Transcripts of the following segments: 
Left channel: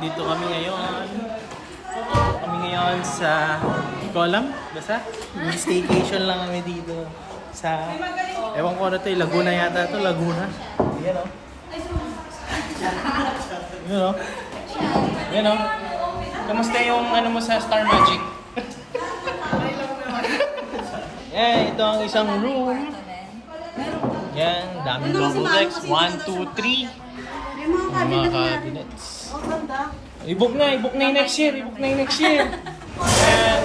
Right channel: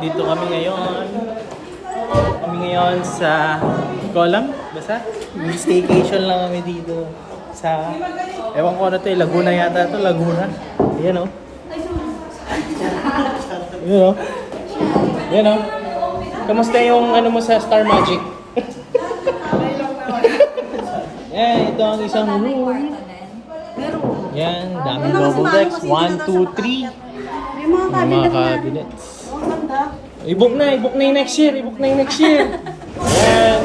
Dito kami ngayon. Kami ngayon sa... Hindi ko alam. Basta, staycation lang kami dito. Sa... Ewan ko ano to, Laguna yata to. Laguna. Yun o. Yun o. Yun o. Kamusta yung ano mo sa Star Magic? Yan, ito ang isang room. Yan, daming double decks. 1, 2, 3. May mga cabinets. I-book na yung next year. And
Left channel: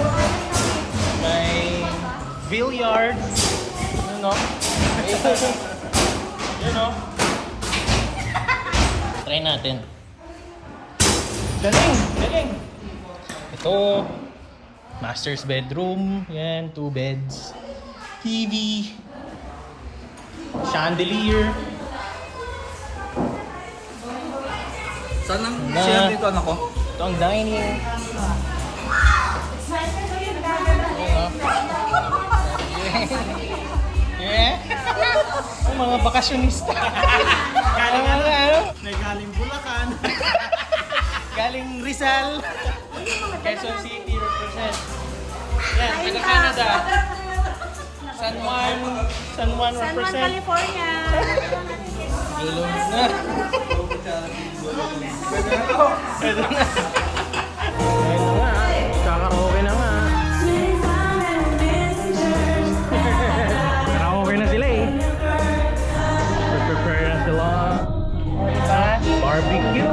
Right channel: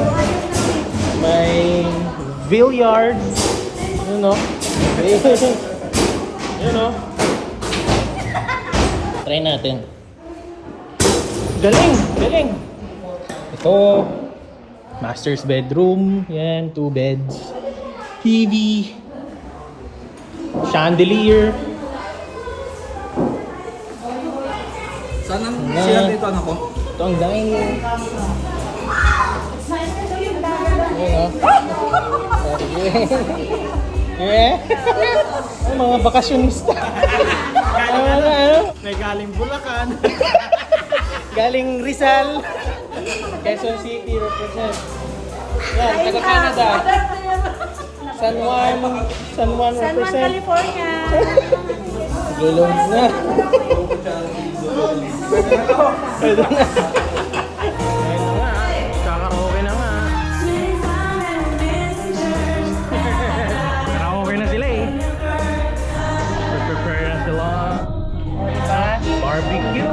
may billiard. Yun o. Yun o. Try natin. Galing! Ito, master's bedroom. Yan, 2 beds. TV. Chandelier. Saan ang sila dito anak ko? Ito ang dining. Yeah. Yung mga bakasyonista. Galing ano? Galing Bulacan. Galing Rizal. Quezon City represent. Yan, taga Canada. San Juan represent. California. Lulong na. Pwede na. Ayun na nga. Karaoke na nga. Karaoke na sila eh. Prepare na sila. Barbecue.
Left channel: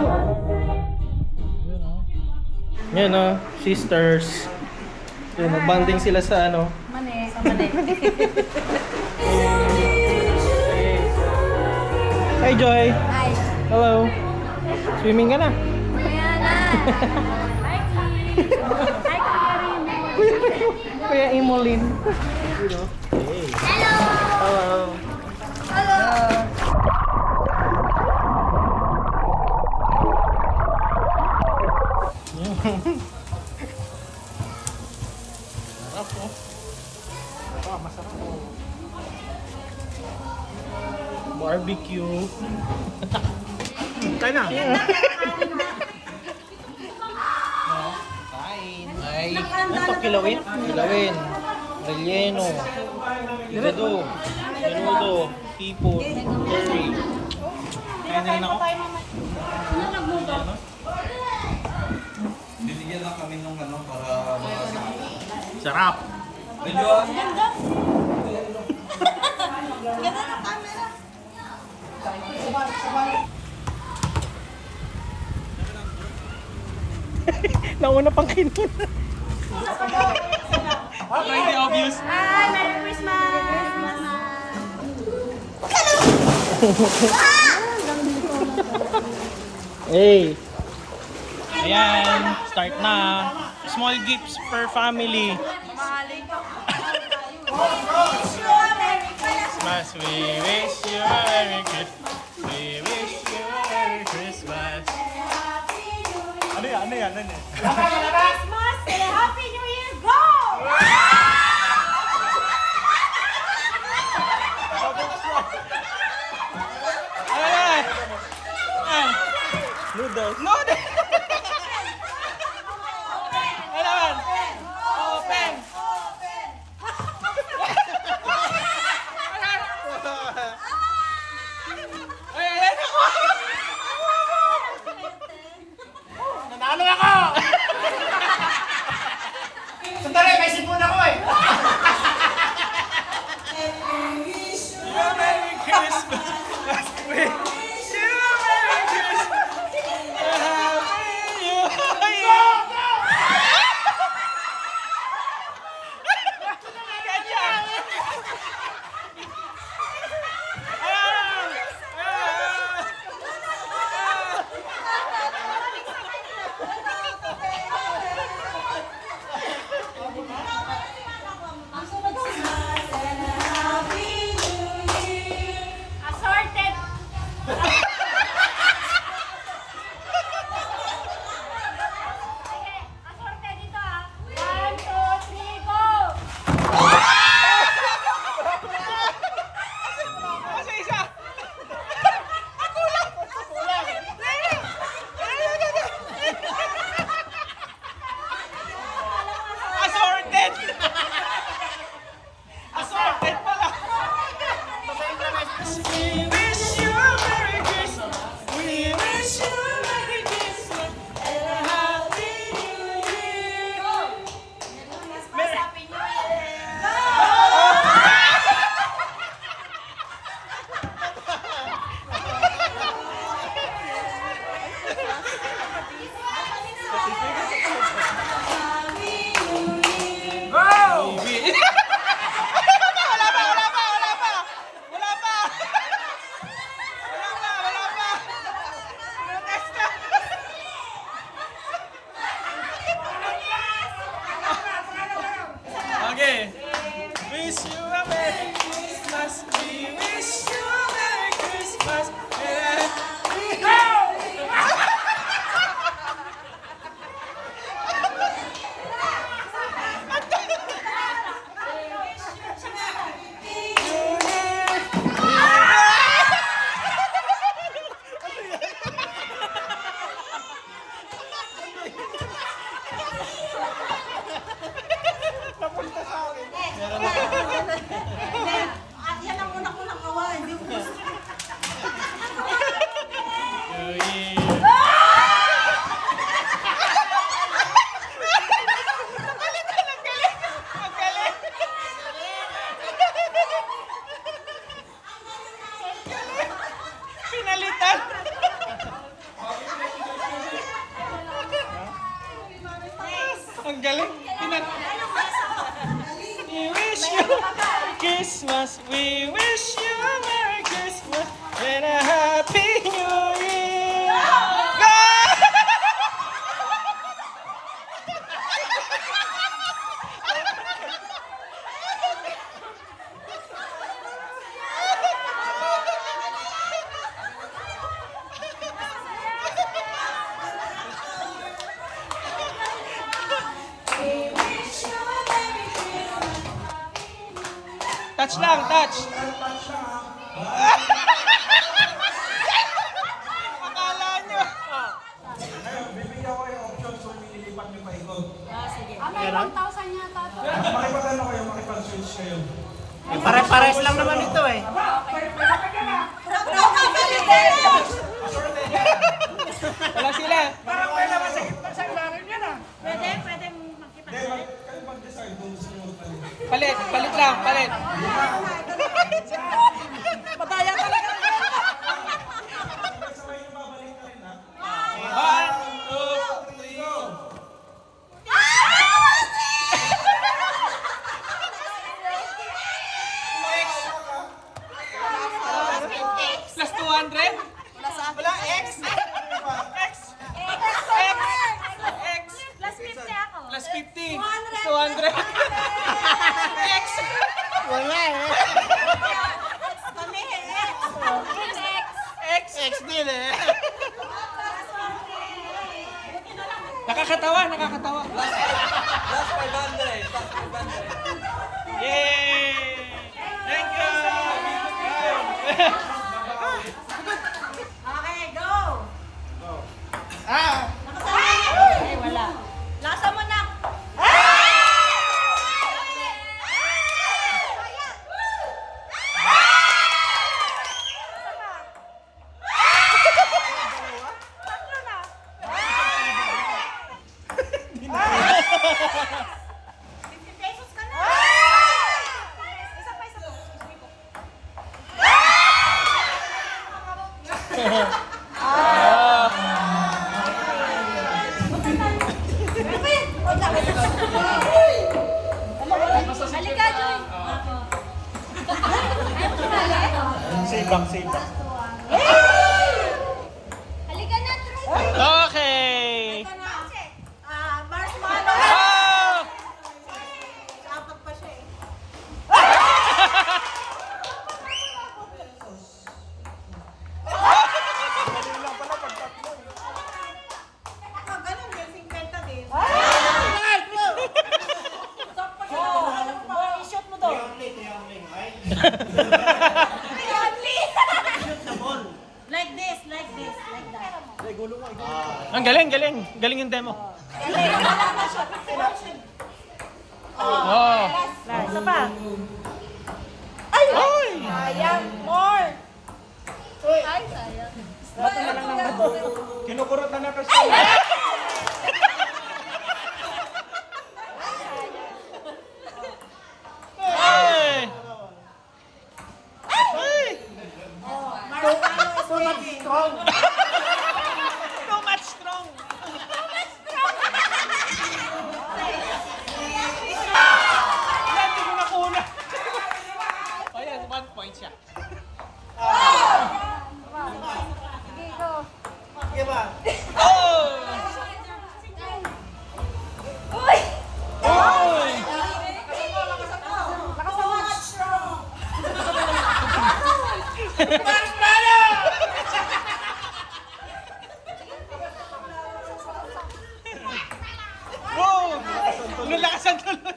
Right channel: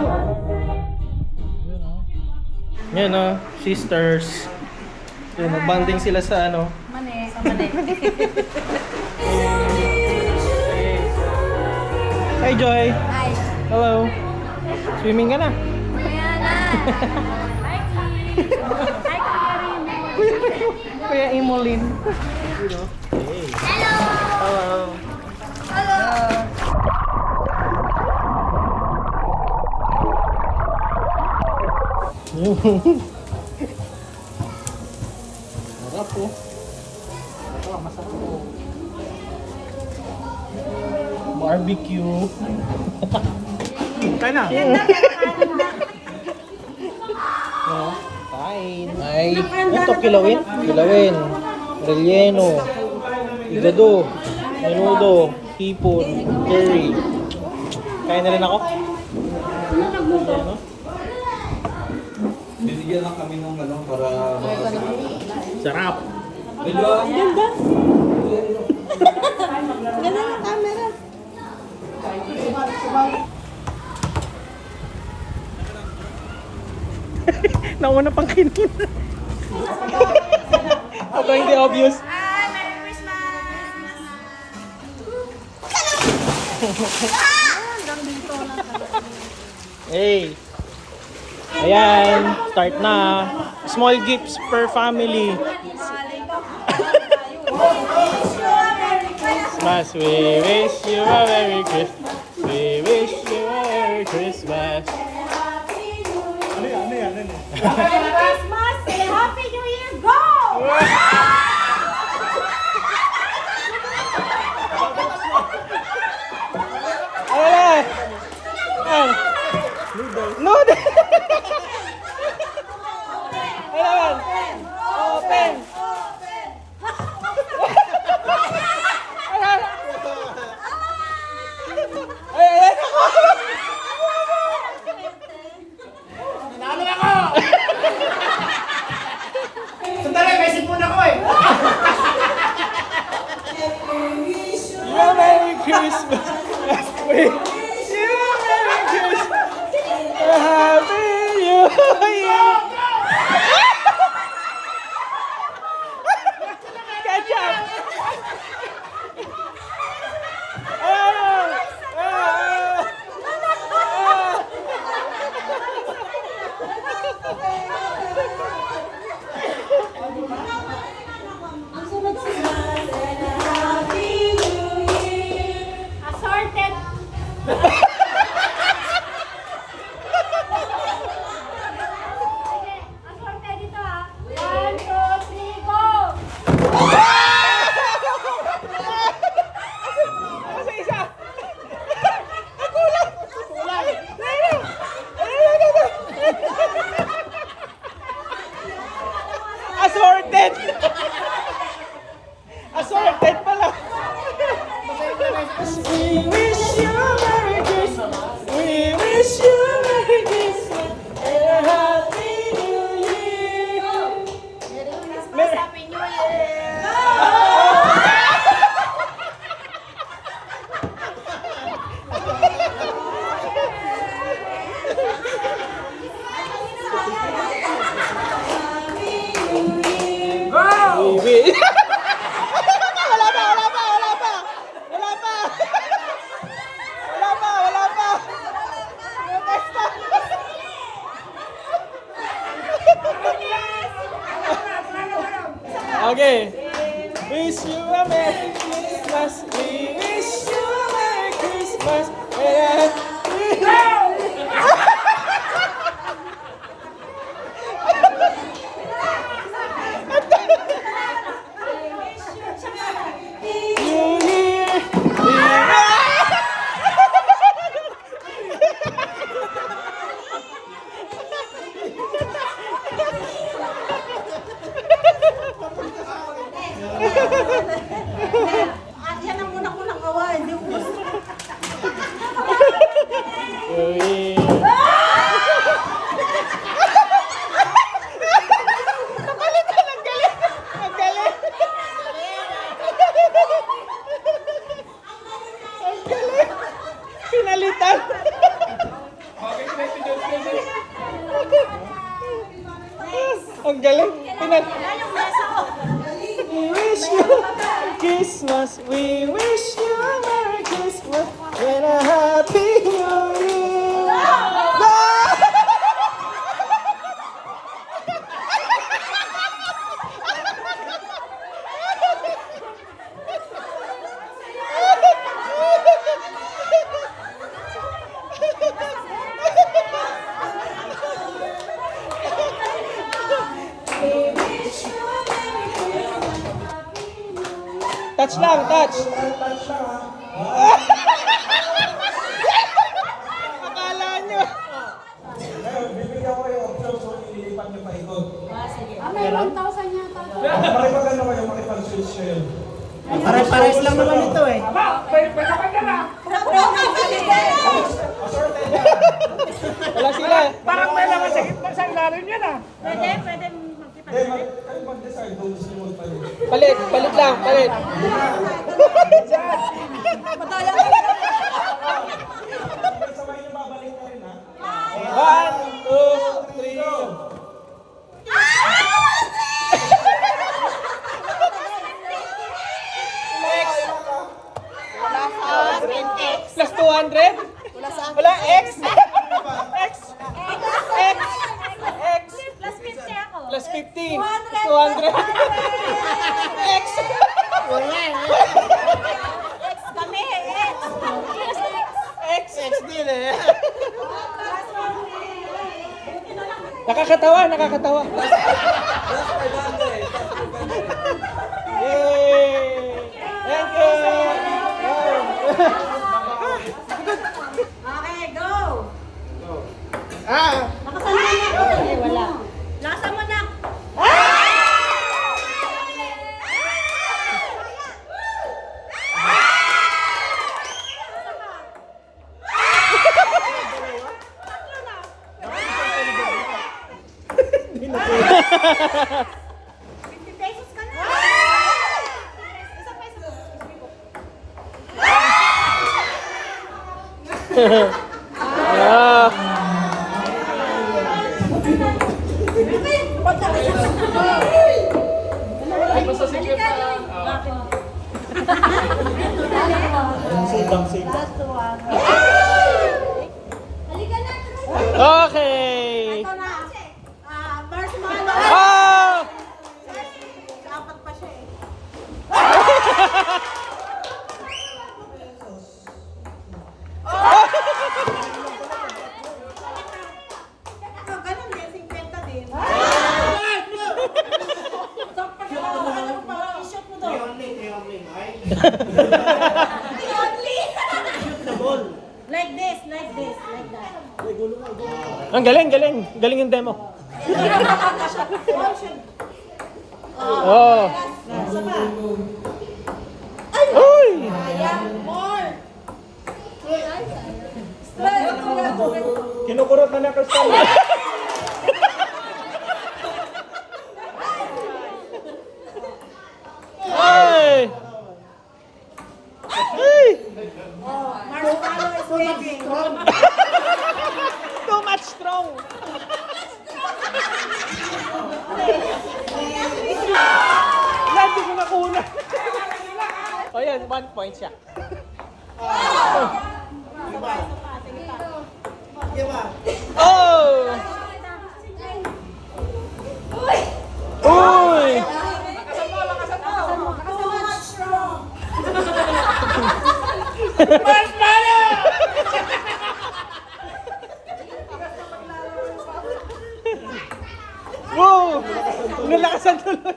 Yan o. Sisters. Yun, magbanding sila sa ano. Mane. Hi Joy. Hi. Hello. Swimming ka na. Ayan na. Hi, Kim. Hi, Kuya Kuya Imolin. Hello. Hello. Hello. Sarap po. Masarap po. Barbecue. Kain na. Kain. Ay, ito kilawin. Relleno. Higado. Menudo. Hipon. Curry. Kain na rin ako. Bibigyan lang kami ng ano para Sarap. medyo Ganda ng camera. Nauna pang kinun. Ito hindi obvious. Hi, Merry Christmas. Hey. Ayan, start na. Small gifts per family. Christmas, we wish you a Merry Christmas. We wish you a Merry Christmas. ano yan? Christmas. Happy New Year. Go! Ayan! Ayan! Noodle! Ayan! Open! Ayan! Nanalo ako! Sandali, may sipon ako eh! Merry Christmas! Wait! Merry Christmas! Happy New Go! Wala pa, wala pa, wala pa, wala pa. Wala pa. Wala pa, wala pa. Bukas na. Okay. Wish you a Merry Christmas. We wish you a Merry Christmas. Yan ang muna-munang kawa, hindi ko gusto. Napalitan, ang galing. Ang galing. Ang galing. Pinalitan. Ang galing. We wish you Christmas. We wish you a Merry Christmas and a Happy New Year. Go! Touch lang, touch. Akala nyo. Ngayon, bibigyan ko kayo option so pinilipat niyo pa ikot. May 1,000 yata to. Makipag-ano kayo, makipag-switch kayo. Pare-pares lang naman ito eh. Assorted yan. Wala sila. Pwede magkipag. Kayo mag-decide kung gusto niyo magpalit. Palit, palit lang, palit. Sabay niyo babalik na rin ha. 1, 2, 3, go. Plus 200? Wala, X. X. X. X. Plus 50 ako. Plus 50. 200. X. Kami, X. X. X din eh. Nakakatawa, nakakatawa. Last 500. Yay! Thank you! Okay, go. Ah! Nakasalin na ako. Eh, wala. Lasa mo na. ₱50 ka na. Isa pa, isa pa. Ah! Halika, Joy. Sibang, sibang. Halika na. Okay! Ito na. Marshmallow. Oh! Dapat pa siya eh. Ganun din, 50 din. I-shoot mo daw. Like this, like this, like that. Ang galing, galing. Galing yung demo. Oh. Isa pa. Uy! More. Kinukurot na ng customer. Ay! Ay! Marshmallow is making. Too much straw! strong! Wala, di ko nakuna. O yan, 1 point siya. Sige ba? Oh! Uy! Wow! Nalakasan tuloy.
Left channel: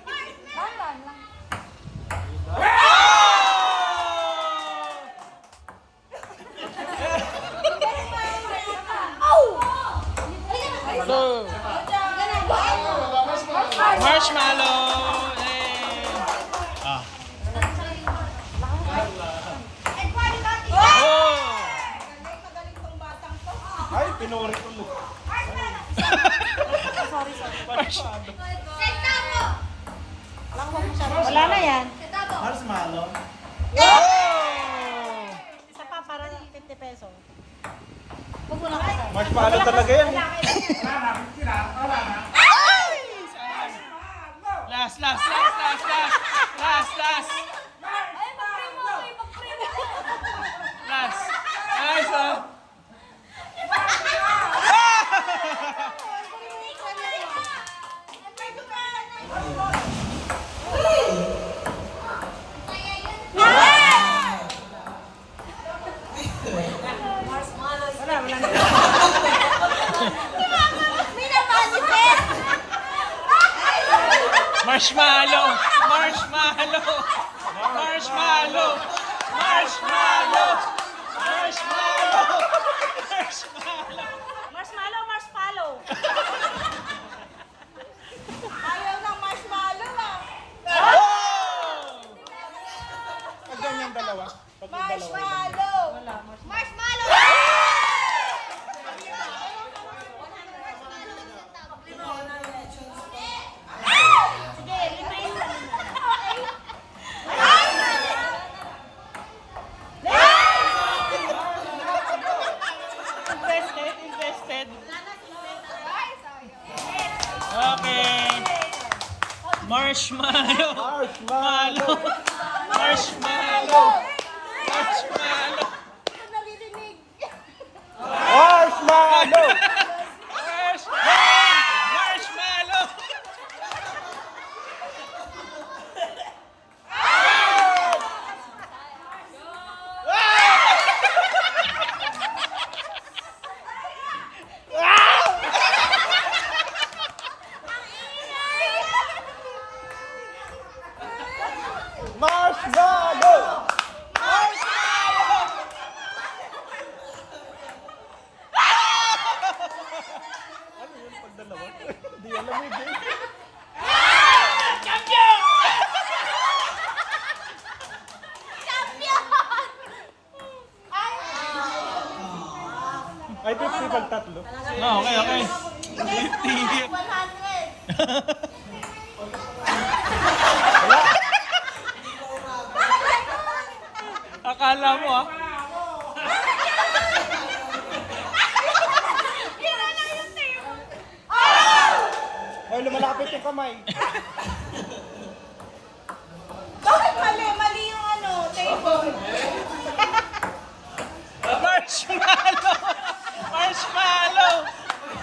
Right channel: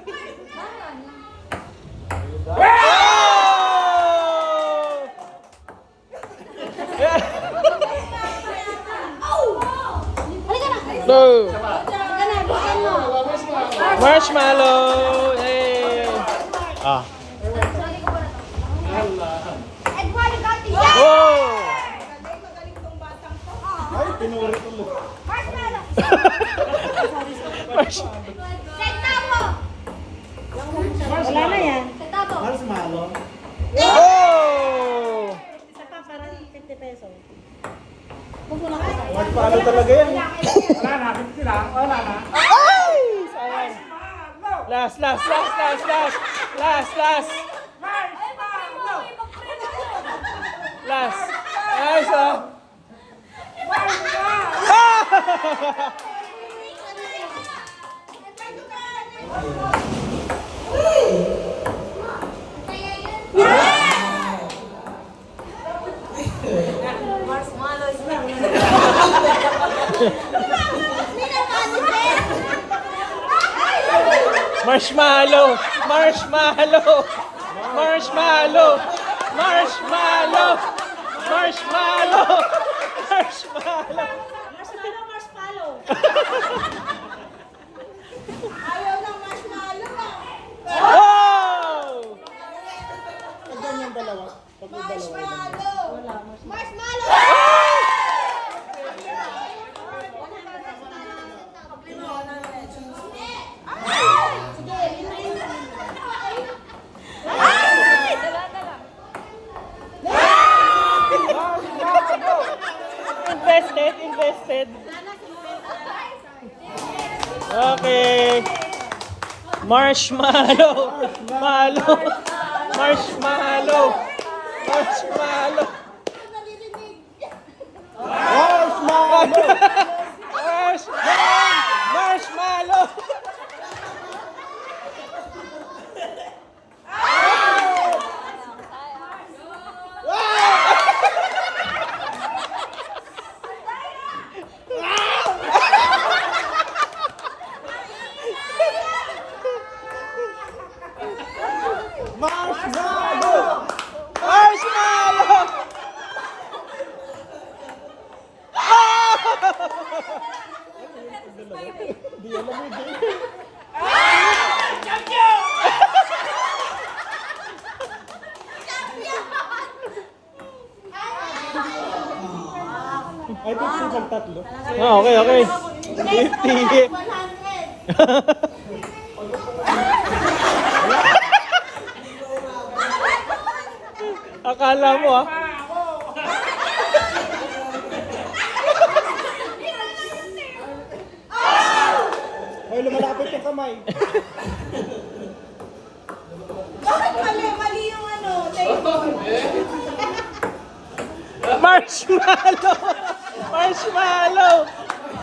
Go! Marshmallow! Hey! Ah. Oh! Ay, pinuri ko mo. Wala na yan. Marshmallow. Oh! Isa pa para 50 pesos. Marshmallow talaga yan. Ay! Sayang. Last. Last. Nice, ah. Marshmallow! Marshmallow! Marshmallow! Marshmallow! Marshmallow! Marshmallow! Marshmallow. Ayaw ng marshmallow ah. Oh! Ang ganyan dalawa. Marshmallow. Marshmallow. Invested. Okay. Marshmallow. Marshmallow. Marshmallow. Marshmallow. Marshmallow! Marshmallow. Marshmallow! Marshmallow. Di alam mo din. Ay, 50 pag tatlo. Ah, okay. 50. 100. Akala mo ah. Ay, lumalapit yung kamay. Bakit mali yung table? Marshmallow! Marshmallow!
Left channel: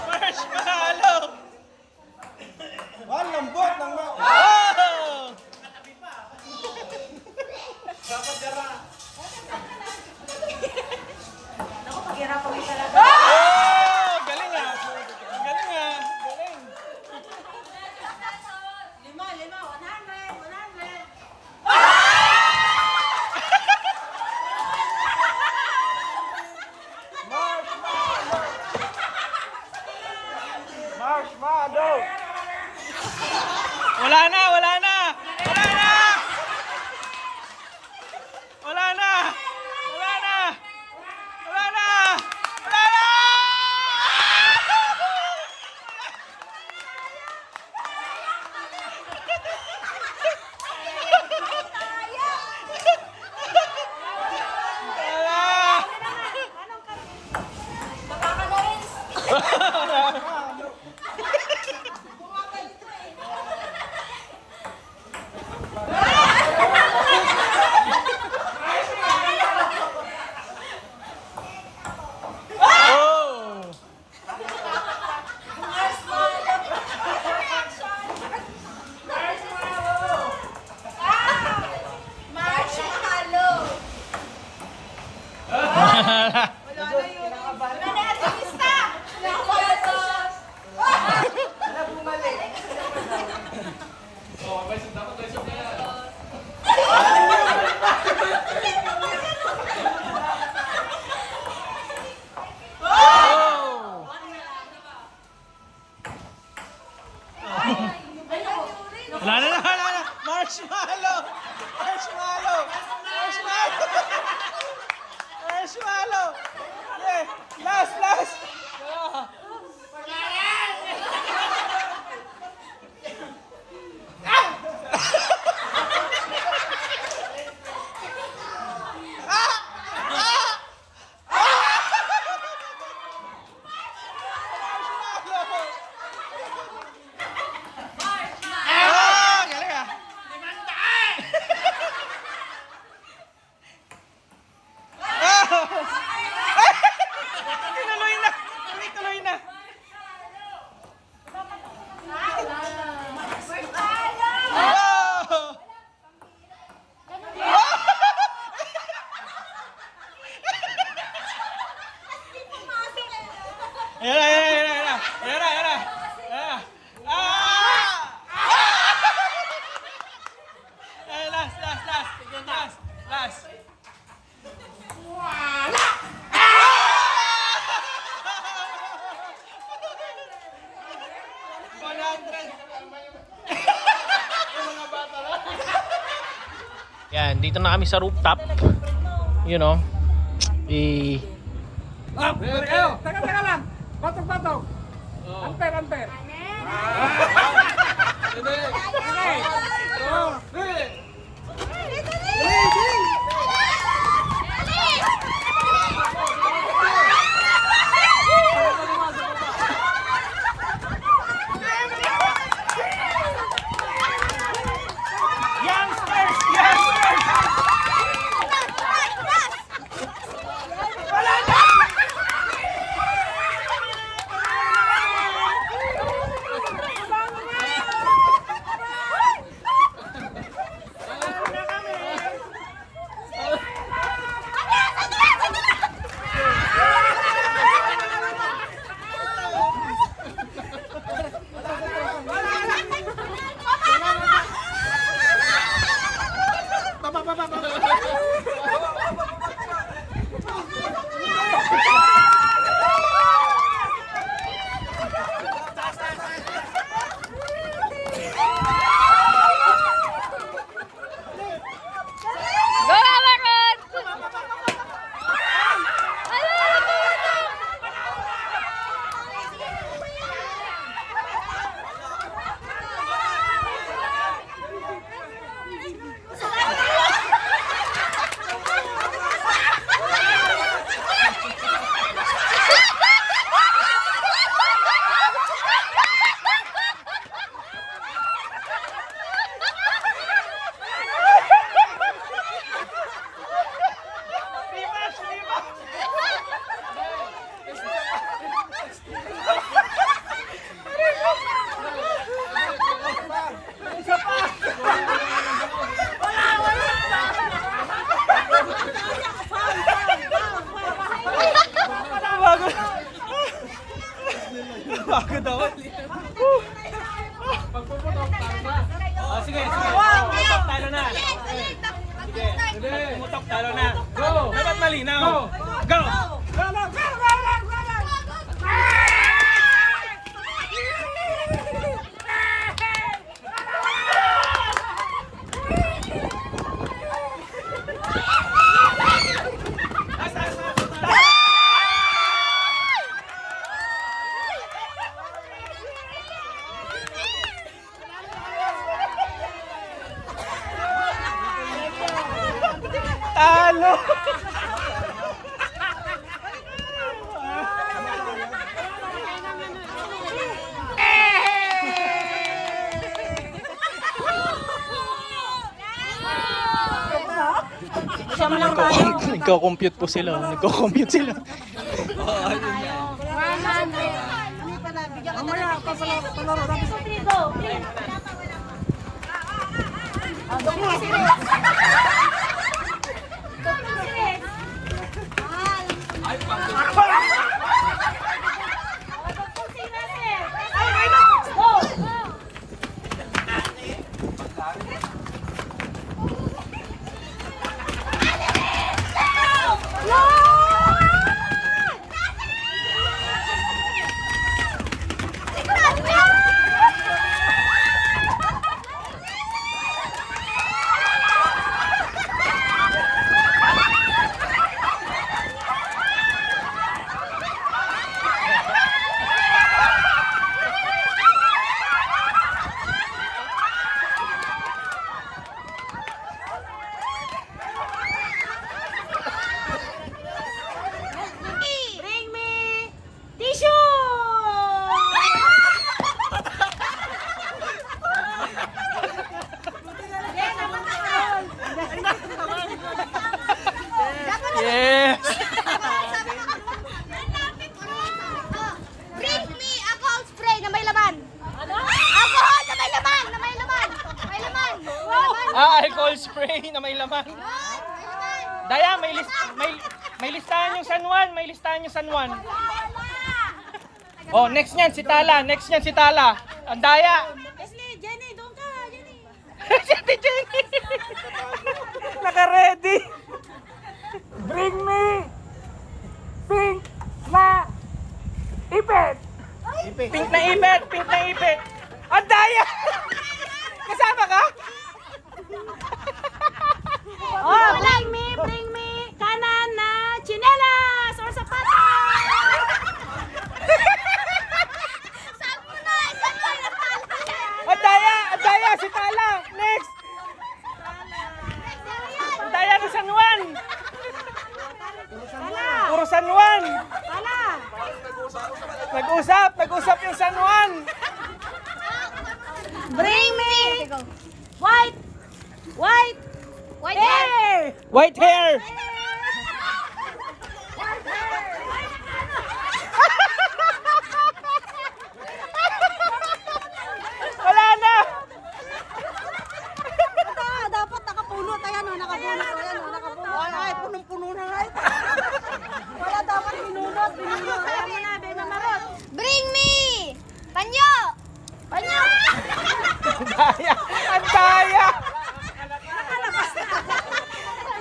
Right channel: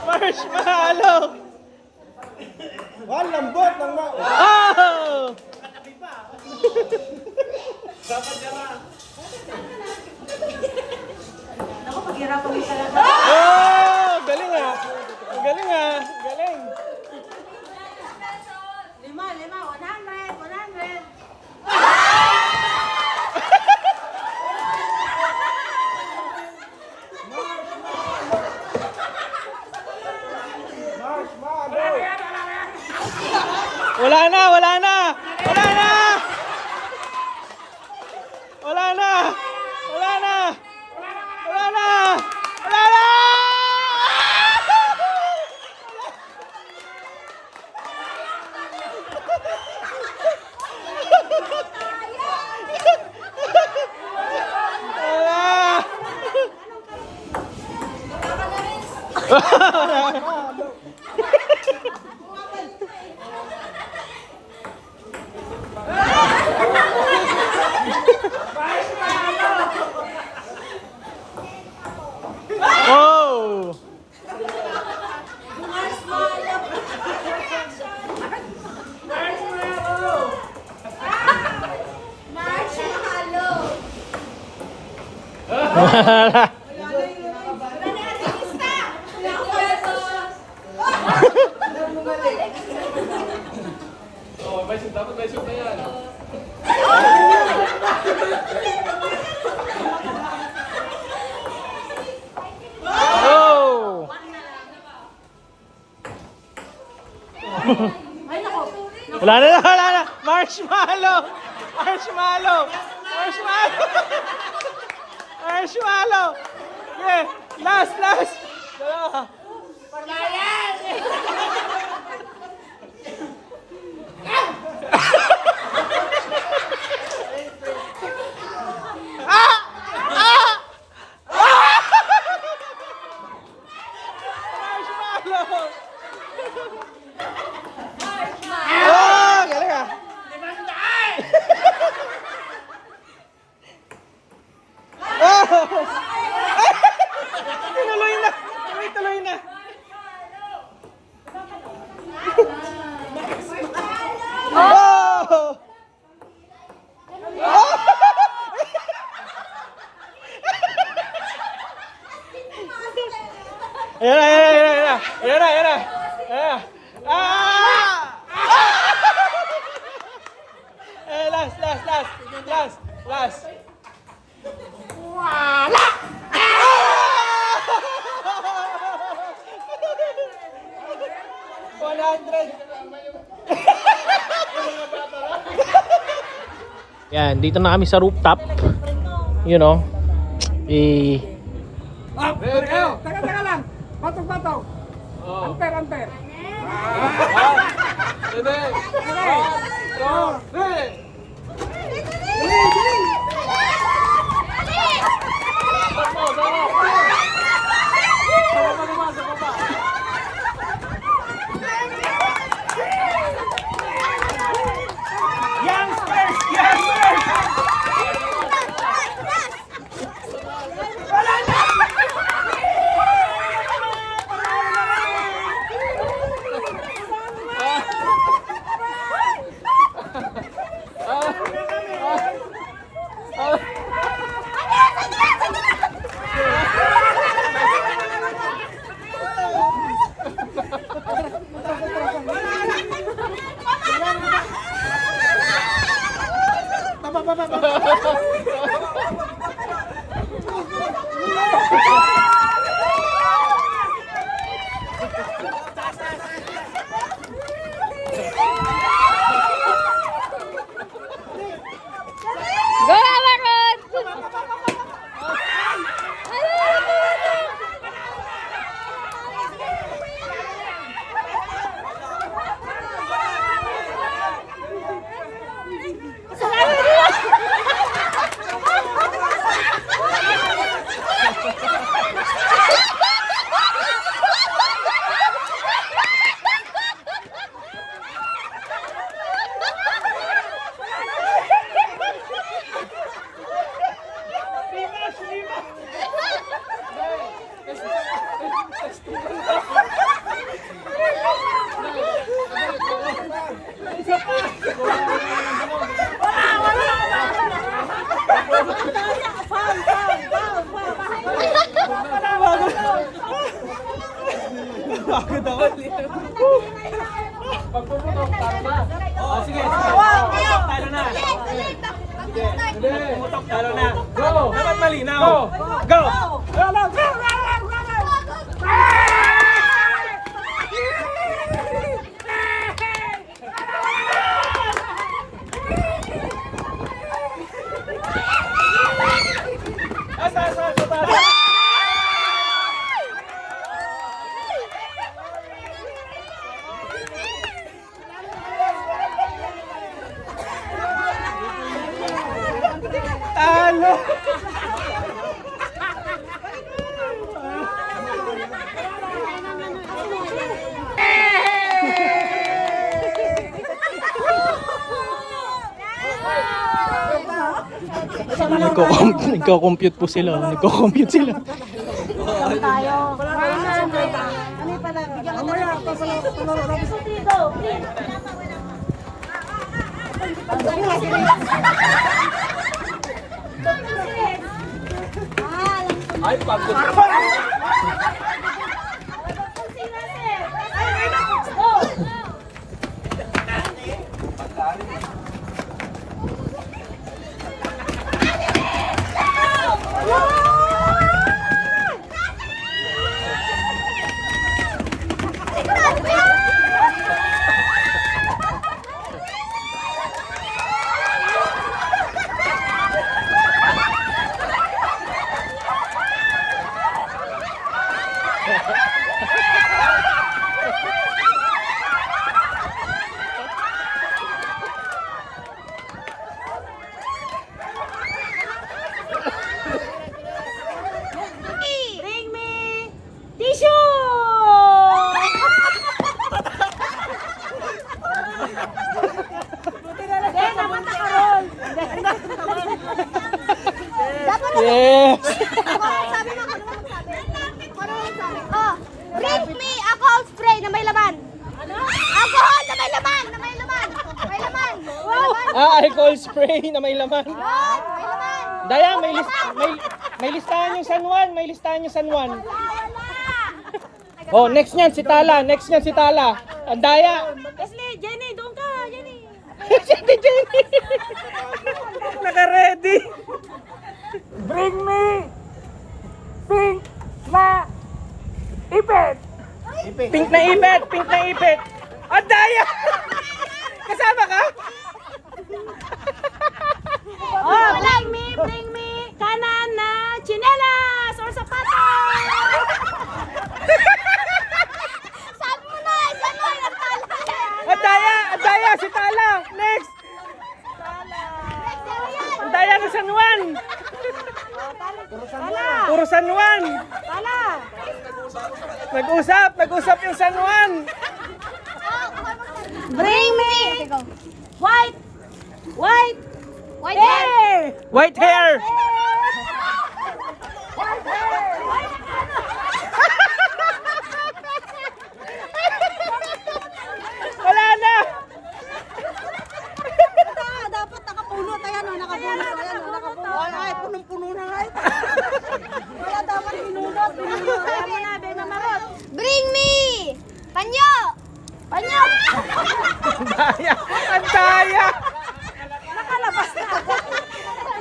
Marshmallow! Ang lambot ng Oh! Ako, paghirapan mo talaga. Oh! Galing ah! Galing ah! Galing! 5, 100. marshmallow! Wala na! Wala na! Wala na! Wala na! Wala na! Wala na! Wala na! Wala! Oh! Wala na, wala na. Marshmallow! Marshmallow! Marshmallow! Marshmallow! Yeah, last, last! Wala yan! Ah, galing ah. Tuloy na. Tuloy na. Oh! Ayan na, ayan na, ayan na. Ayan na, ayan na. Ayan na. Ah! Eh, last, last, last. Last, last. Wala! Yan, dito na kami sa rooftop. You know, Teka lang. Patong. Ampere. Hindi! youngsters! Youngsters! Go, Amaron! Pagod ako. Pagpuputok, tara na. Oh, sige. Pumutok, talo na. Pumutok, talo na. Go! Dapat malinaw. Go! Talo! Nagko-compute po sila. Nagko-compute sila. Ay, pagod. Bring me tissue! Yes! Oh, bring me alcohol spray na may laman. Alcohol na may laman, na may laman. May laman. Alcohol spray na may laman. Yun, may laman. Daya, may listahan yung San Juan, may listahan yung San Juan. Wala. Oh, next niyan si Tala, next niyan si Tala. Ang Daya. Leslie, Jenny, doon ka, Jenny. Si Ate Jenny. Naka-ready. Bring me pink na ipit. Pink na ipit, pink na ipit. Ang Daya. Kasama ka? Oh, bring me kanan na chinelas or sapatos. Saan mo na? Saan mo? Ang Daya, si Tala. Next. Ang Daya ng San Juan. Tala, Puro San Juan. tala. Nag-usap yung San Juan. Bring me white White hair. hair. White hair. Wala na. Dapat nakapulot. Ayan o, nakapulot. Ayan o, nakapulot. Ay, punong-puno na nga ito. Wala dapat binulot. Ayan mo na, Benamarot. Bring me panyo. Panyo! Daya. Ang Daya. Nakalabas na.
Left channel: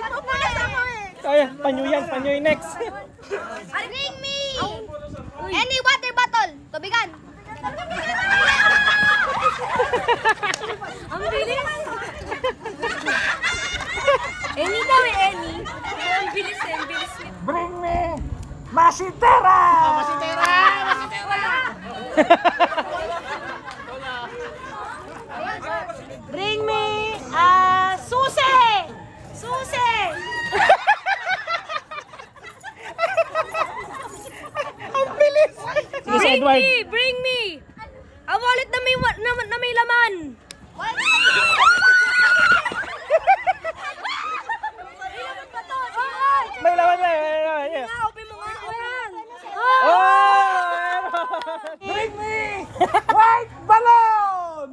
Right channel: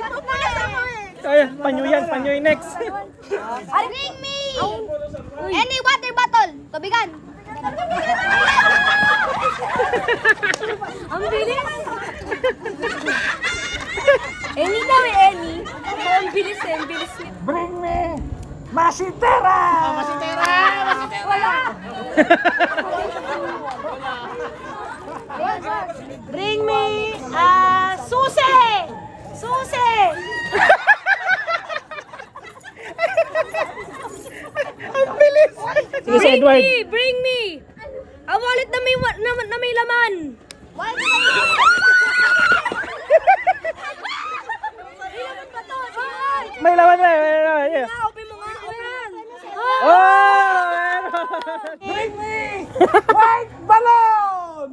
Napupulas ako eh. Ay, panyo yan next. Bring me any water bottle. Tubigan. Ang bilis. Any daw eh, any. Ang bilis eh, ang bilis. Bring me masitera. Wala. Bring me susi. Susi. Bring me a wallet na may laman. May laman na. Yeah. Open mo nga, open. Oh! Bring me white balloon.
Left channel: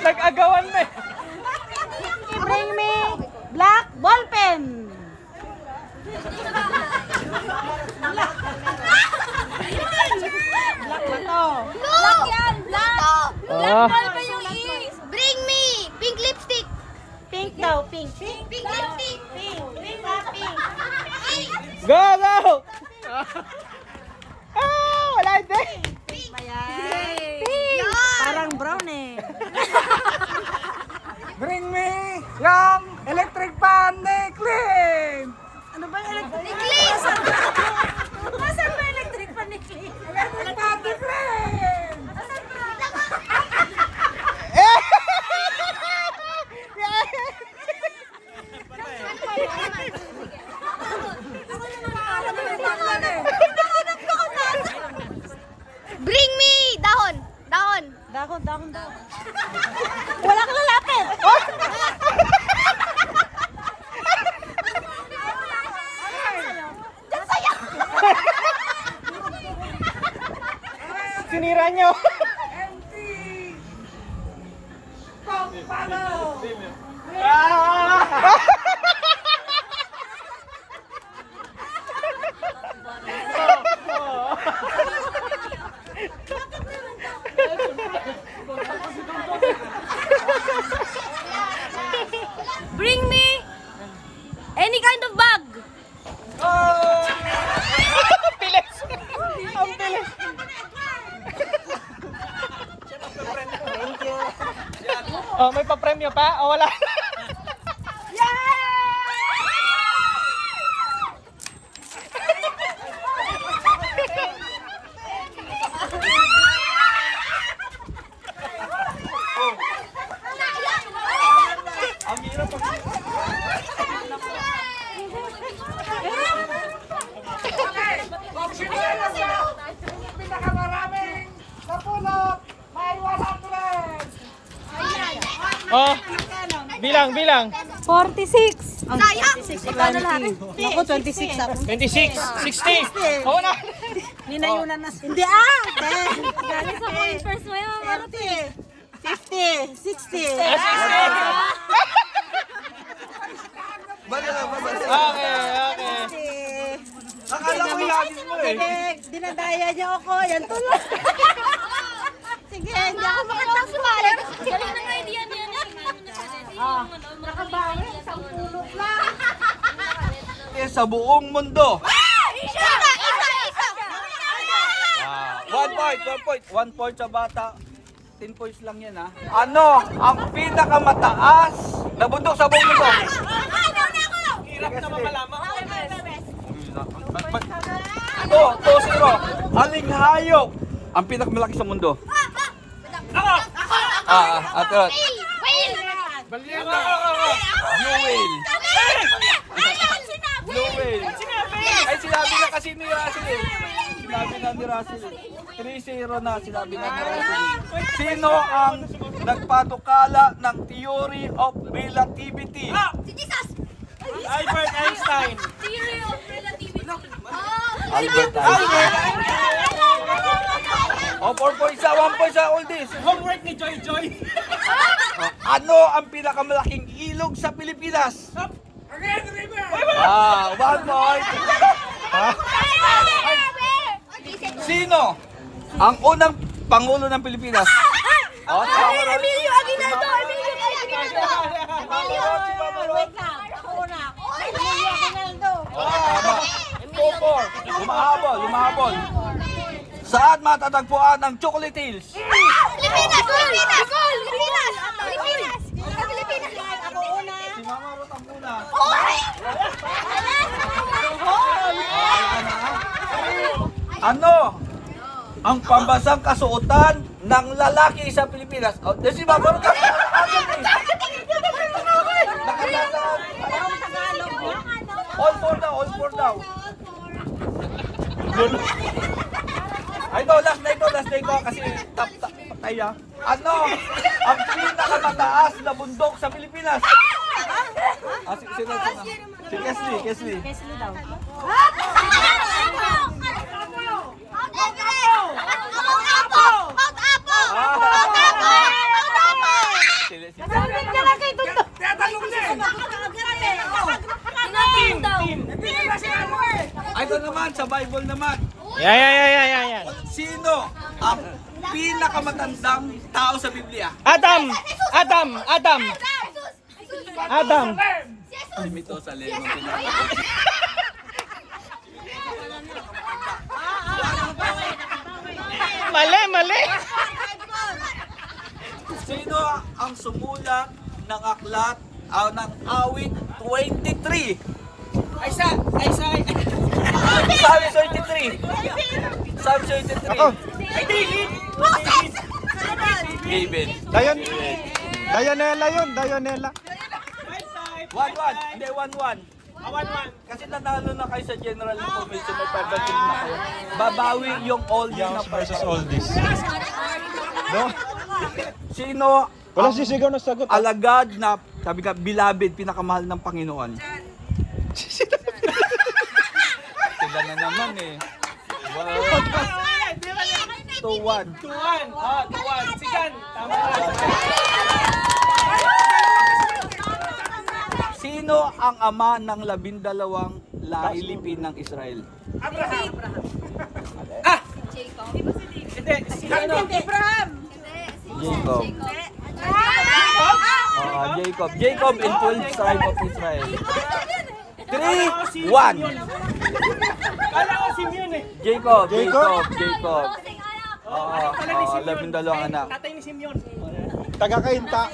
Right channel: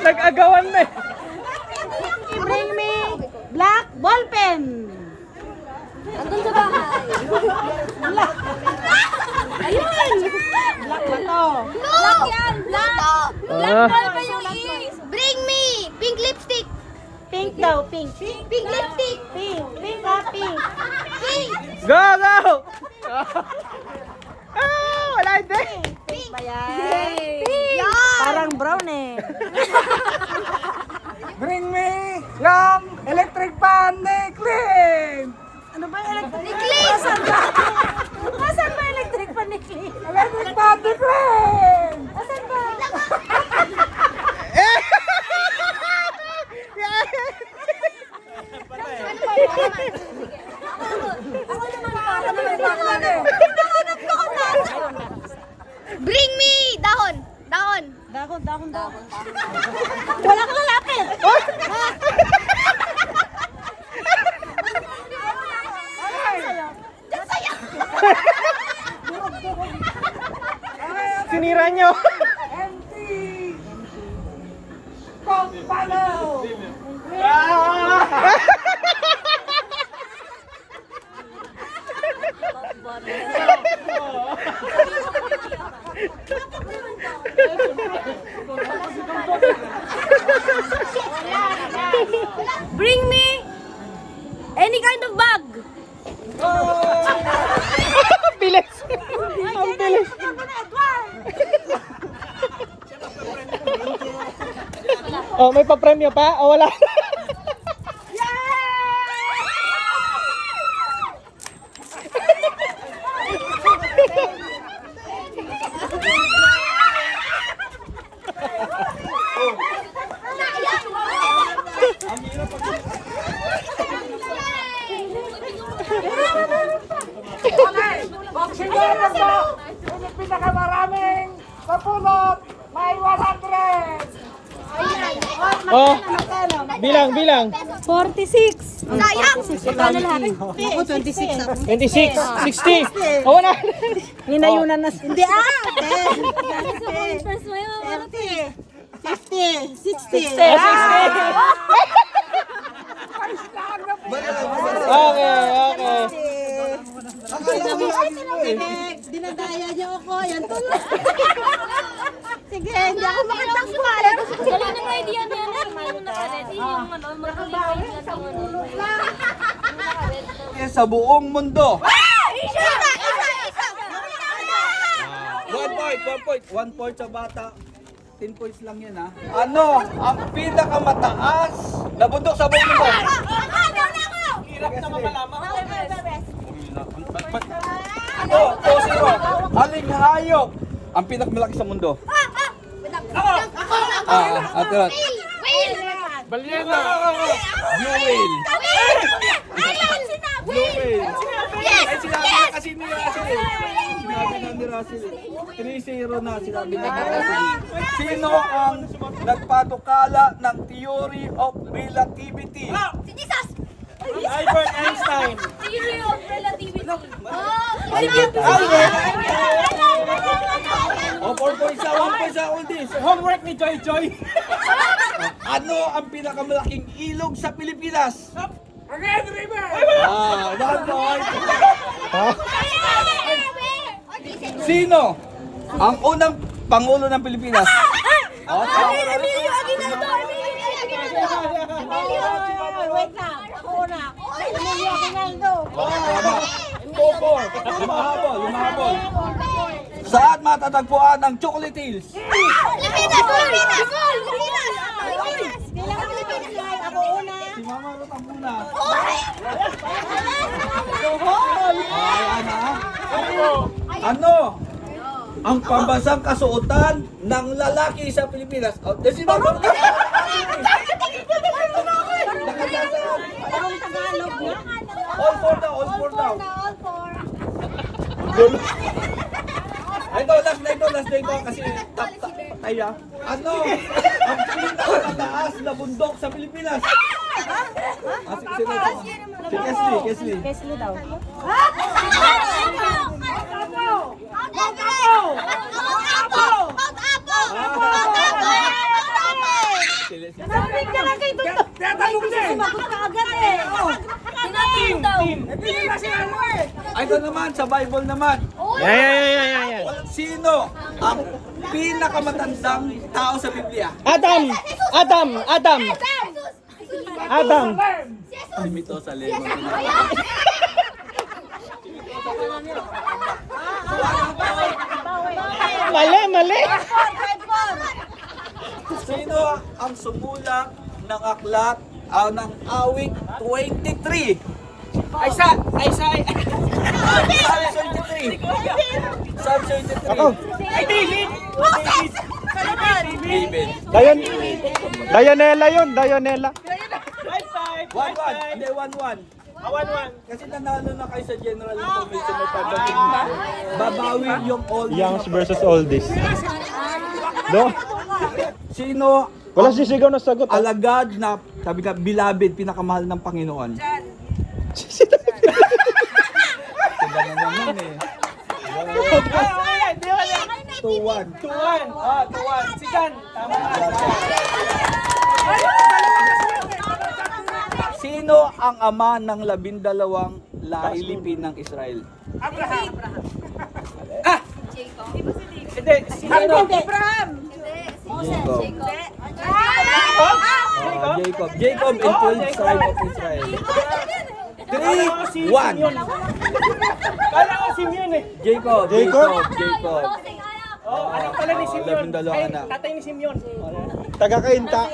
Nag-agawan na eh. Bring me black ball pen. Ayun! Black ba to? Black yan. Black. Ah. Ball pa yung Bring me pink lipstick. Pink daw, pink. Pink lipstick. Pink, pink ha, pink. Pink. Go! Wala din. Pink ba yan? Yan. Parang brown eh. Bring me yung electric fan ni Clint. Ano ba yung electric? Necklace. Nasaan ba electric pan ni Clint? Electric fan ni Clint. Nasaan ba? Bring me dahon. Dahon. Dahon. Bring me any kind of bag. Bilis! Ang bilis! Oh, may pa-premyo pa? O wala? Boxing day na sa pinakamaraming napulot, may 100. Oh, bilang. 46. Sayang. Ako, 26 ako. 26, 60. O wala? Ninayunan na. Hindi First mo yun. 50. 60. Okay. Akala ko lagi mo eh. Dinadaya niya ako. Yan tuloy. Sige, hindi ako makatakbo. Wala nang idea na Nakabawi, isang pulot lang. Sa buong mundo. Isa. 1 point sa bata. 10 points lang yan ha. Ano ang pinakamataas na bundok sa buong mundo? Hirap na mapalaman. Ito, 2-0. Aling hayop ang pinakamalaki sa mundo? Ate. Balyena. Blue whale. Blue whale. Ay, sinabi na kasi ni Russell eh. Sinabi na ni Russell eh. 3-0 na sinabi na ni Russell. Sino ang nagpatukala ng theory of relativity? Si Jesus. Albert Einstein. Theory of relativity. Albert Einstein. O, 4 points sa 1 point sa oldies. Homework ni Joy Joy. Ano ang pinakamalaking ilog sa Pilipinas? 1 point. Sino ang unang pangulo ng Pilipinas? Emilio Aguinaldo. Wait lang. Ako una. Emilio Aguinaldo. Lumahabol. Saan matatagpuan ang Chocolate Hills? Pilipinas. Ako una. Si Mama Ruth ang una. Ano ang pambansang kasuotan ng lalaki sa Pilipinas? Si Mama Ruth. Parang Tagalog na. All four daw. Ay, last day ko kasi patay ah. Ano ang pinakamataas na bundok sa Pilipinas? Si Kesley. Kesley daw. Sabi ka na kay Tuto. Sumagot ka agad eh. Ay, ito naman, sa Bible naman. Yeah. Sino ang pinakamatandang tao sa Biblia? Adam. Limito sa lemo. Mali. Sino ang sumulat ng aklat ng awit 23? Psalm 23. Ay, David. David. Dayonela yun, Dayonela. 1-1. Hindi, 1-1. 1-1. Kasi nanalo na kayo sa general information may pagdating na. Babawi yung all Youngs versus oldies. No? Sino Walang sisigaw na sagot. alagad na, sabi ka, beloved, pinakamahal ng Panginoon? Sila na naman eh. 2-1. 2-1. 2-1. Sigan. Tama ka. Sino ang ama ng 12 lailipin ng Israel? Hindi. Si ano? Abraham. Jacob. Jacob. Jacob and 12 tribe of Israel. 3, 1. Kala ko si Mion eh. Jacob. Anak pala ni Simeon. 12 anak. Tatay ni Simeon. Taga-kainta.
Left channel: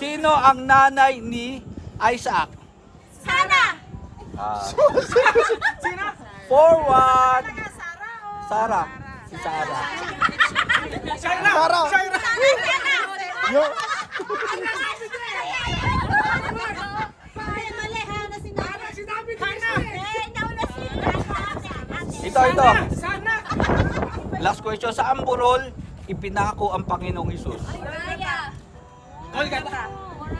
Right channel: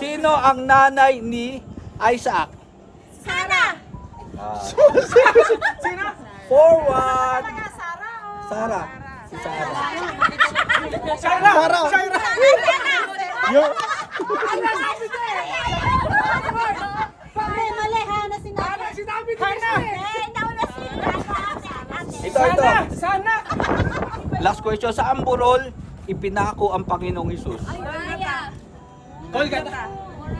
Sino ang nanay ni Isaac? Sana! Sino? Forward. Sarah. Si Sarah. Mali, Hana, sinabi ko. Ito. Last question. Sa Amburol, ipinako ang Panginoong Hesus.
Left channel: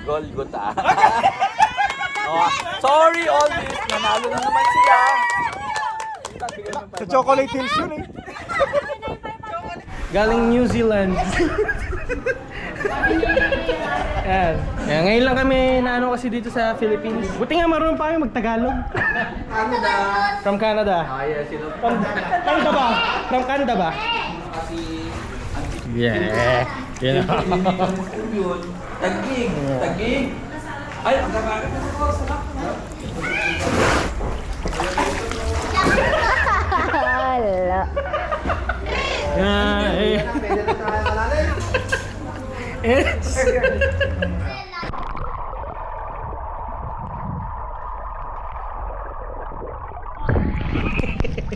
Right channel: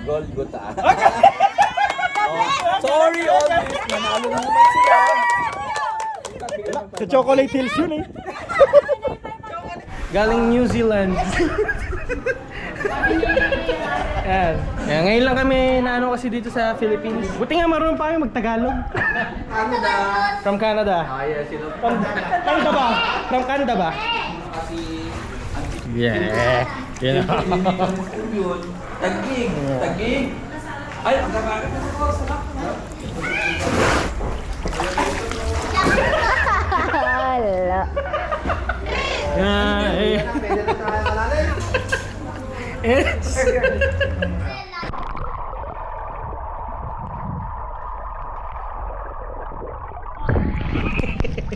Golgotha. Oh, sorry all this. Nanalo na naman sila. Sa Chocolate Hills yun eh. Galing New Zealand. Yan. Yan. Ngayon lang kami naano kasi dito sa Philippines. Buti nga marunong pa kami mag-Tagalog. Canada. From Canada. Canada ba? From Canada ba? Yeah. Yeah. Tagig. Ay, ang kakain na ko. Hala. Yeah.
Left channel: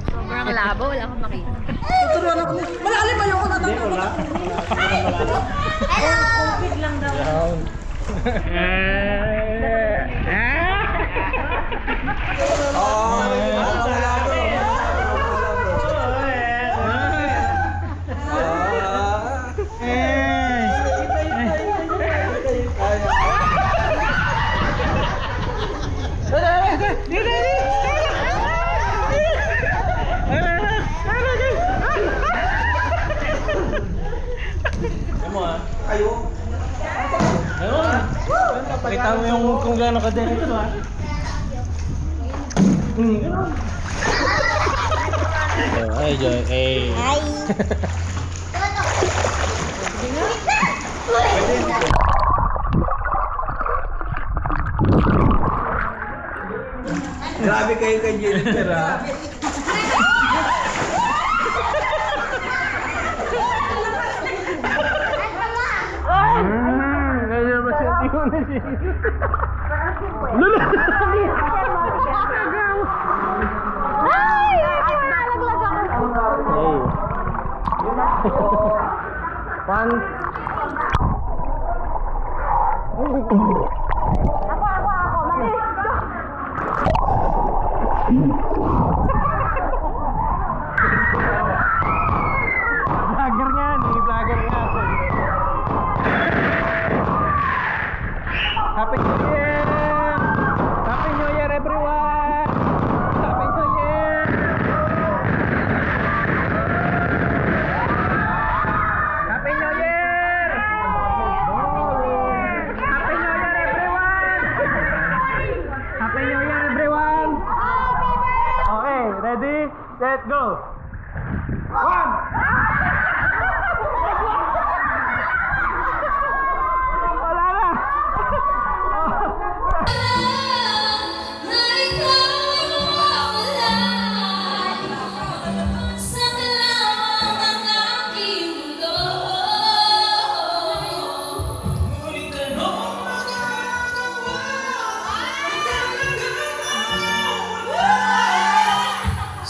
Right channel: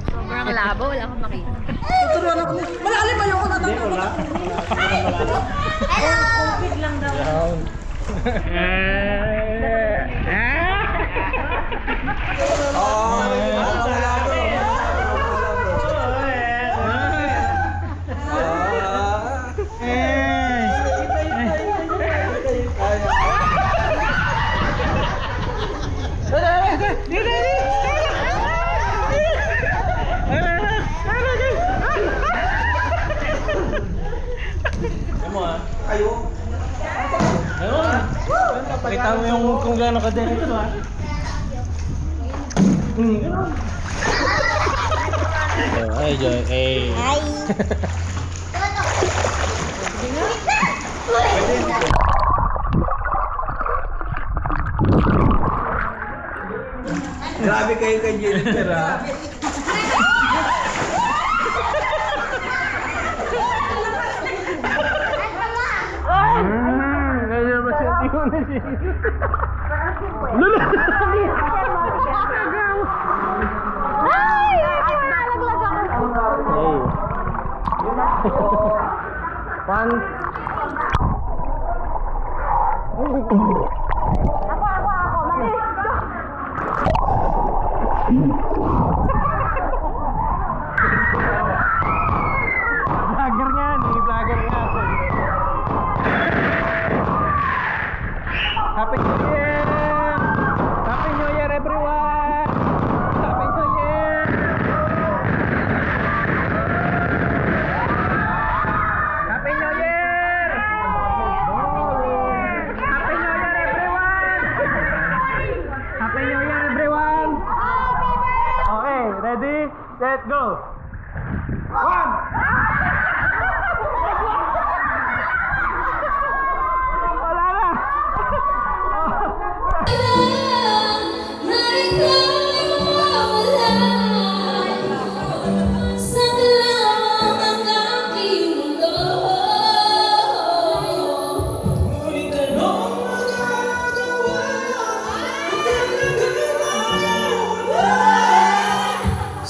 Sobrang labo, wala akong makita. Tuturuan ako. Malalim ba yung wala. COVID lang daw. Pakita mo yung kung gaano ka din ito ha. Ay, Joy. Ay. Grabe kayo kay Jennifer ha. Kaya ba siya tiyo na siya? Lula! Ay! Nalaglag ako. Pan. Vlogger nga ni, vlogger nga ako. Happy New Year! Happy New Year everyone! Happy New Year! Happy New Year! Happy New Year everyone! Happy New Year everyone! Okay, ready, set, go! 1! Wala na!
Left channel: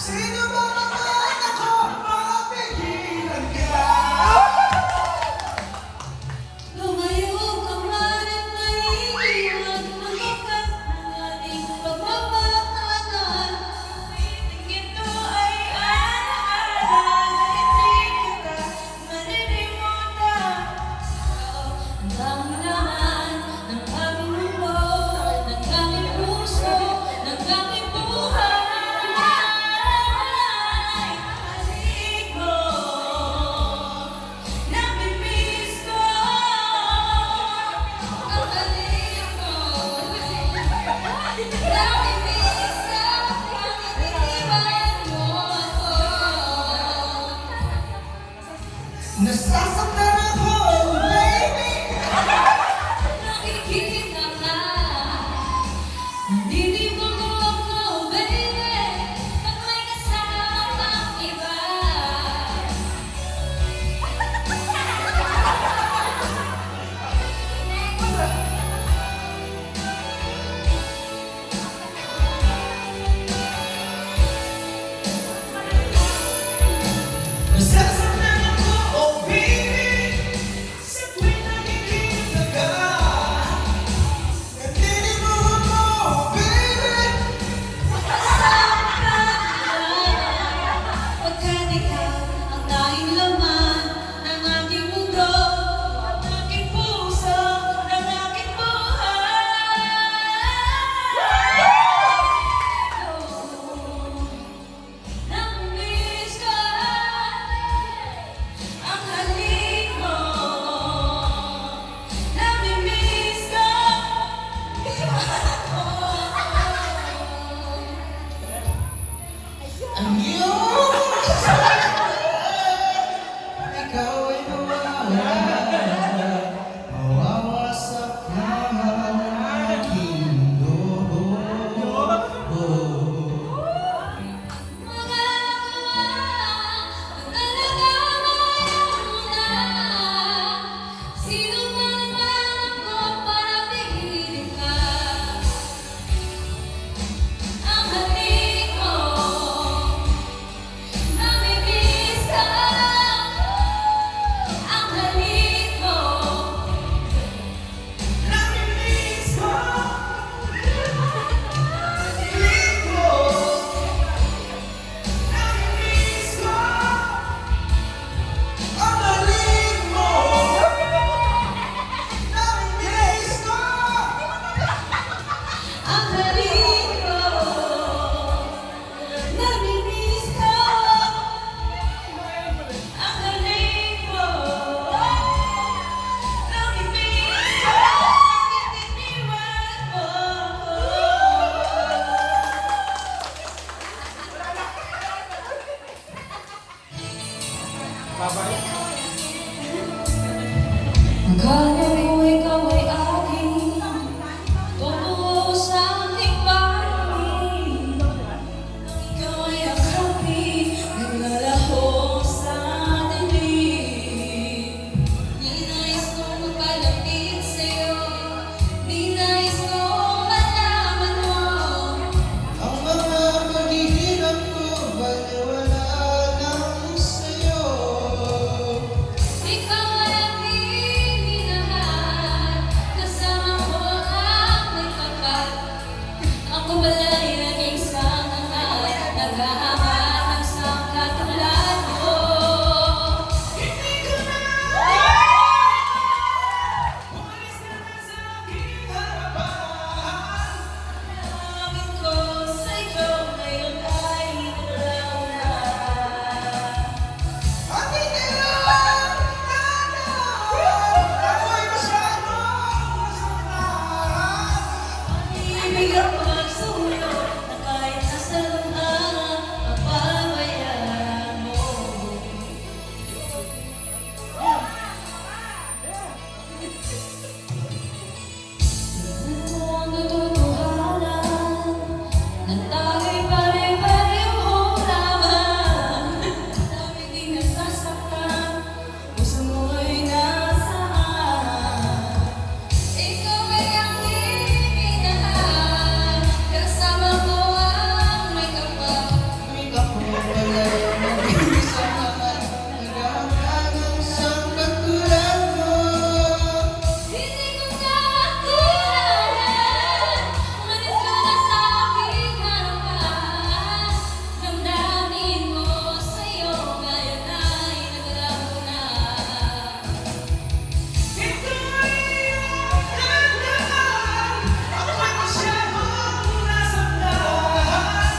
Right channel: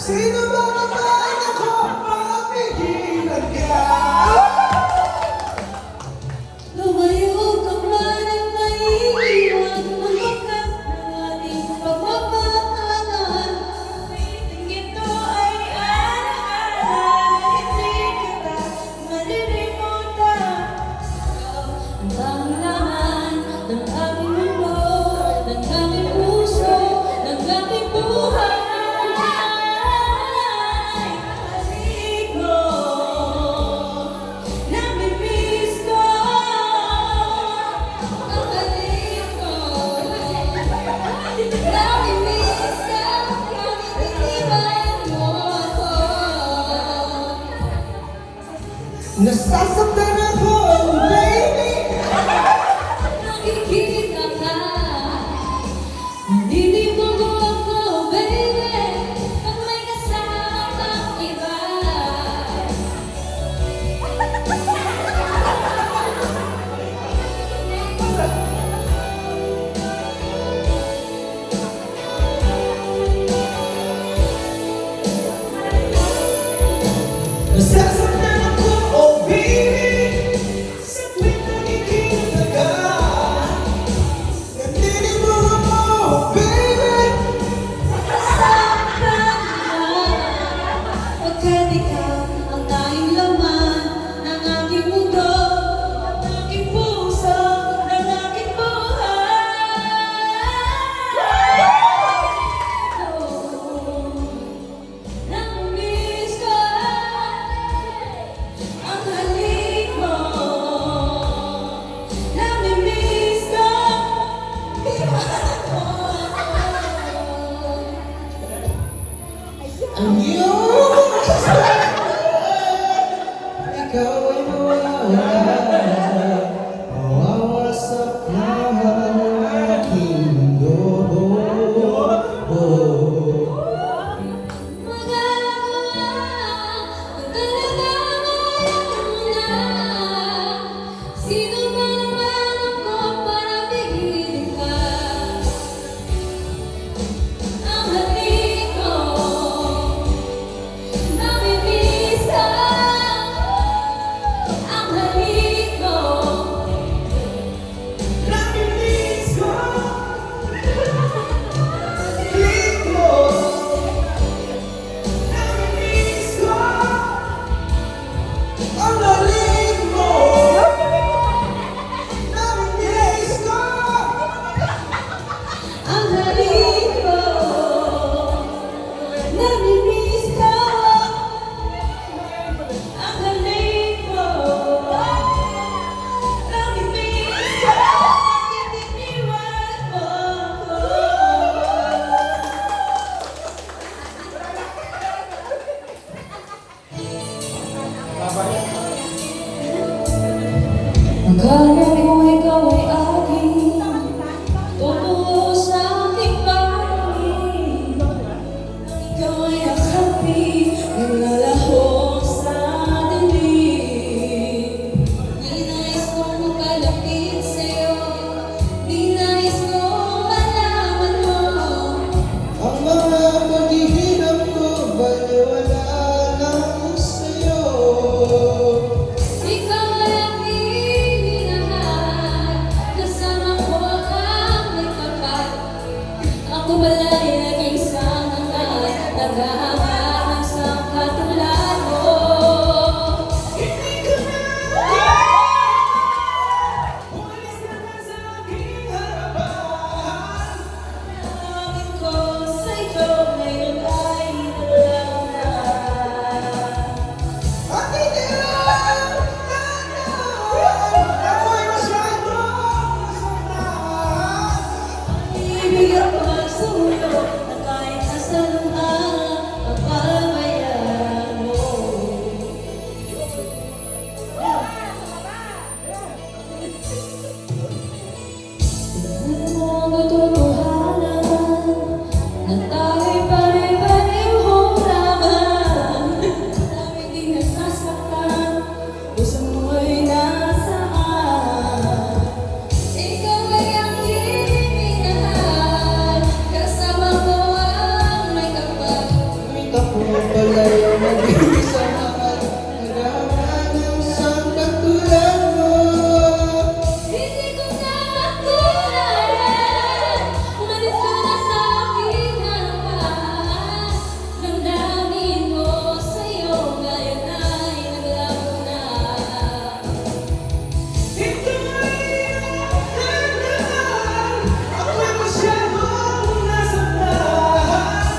Sino ba naman ako para pigilan ka? Lumayo ka man at naiiwan, lumakas ng ating pagmamahalan. Ito ay alaala, hindi kita malilimutan. Ang dahan ng aming mundo, ng aming puso, ng aming buhay. Nasasaktan ako, baby. Ibig ang pagsuyo na kahit nasaan ang papabayaan mo. Ang katotohanan na tayo'y pare-parehong laban. Dami di nasasaktan, puso mo'y nasaan. Ikaw ay ang minahal, kasama ko ang may kapal. Ako pala'y mag-isahan, nagawa ng isang katulad mo. Hindi ko na makulayan, umalis ka na sa aking harapan. Damdamin mo sa'yo, ngayon ay naglago na. Ito ay iyong handaan, ako'y masyadong nasaktan.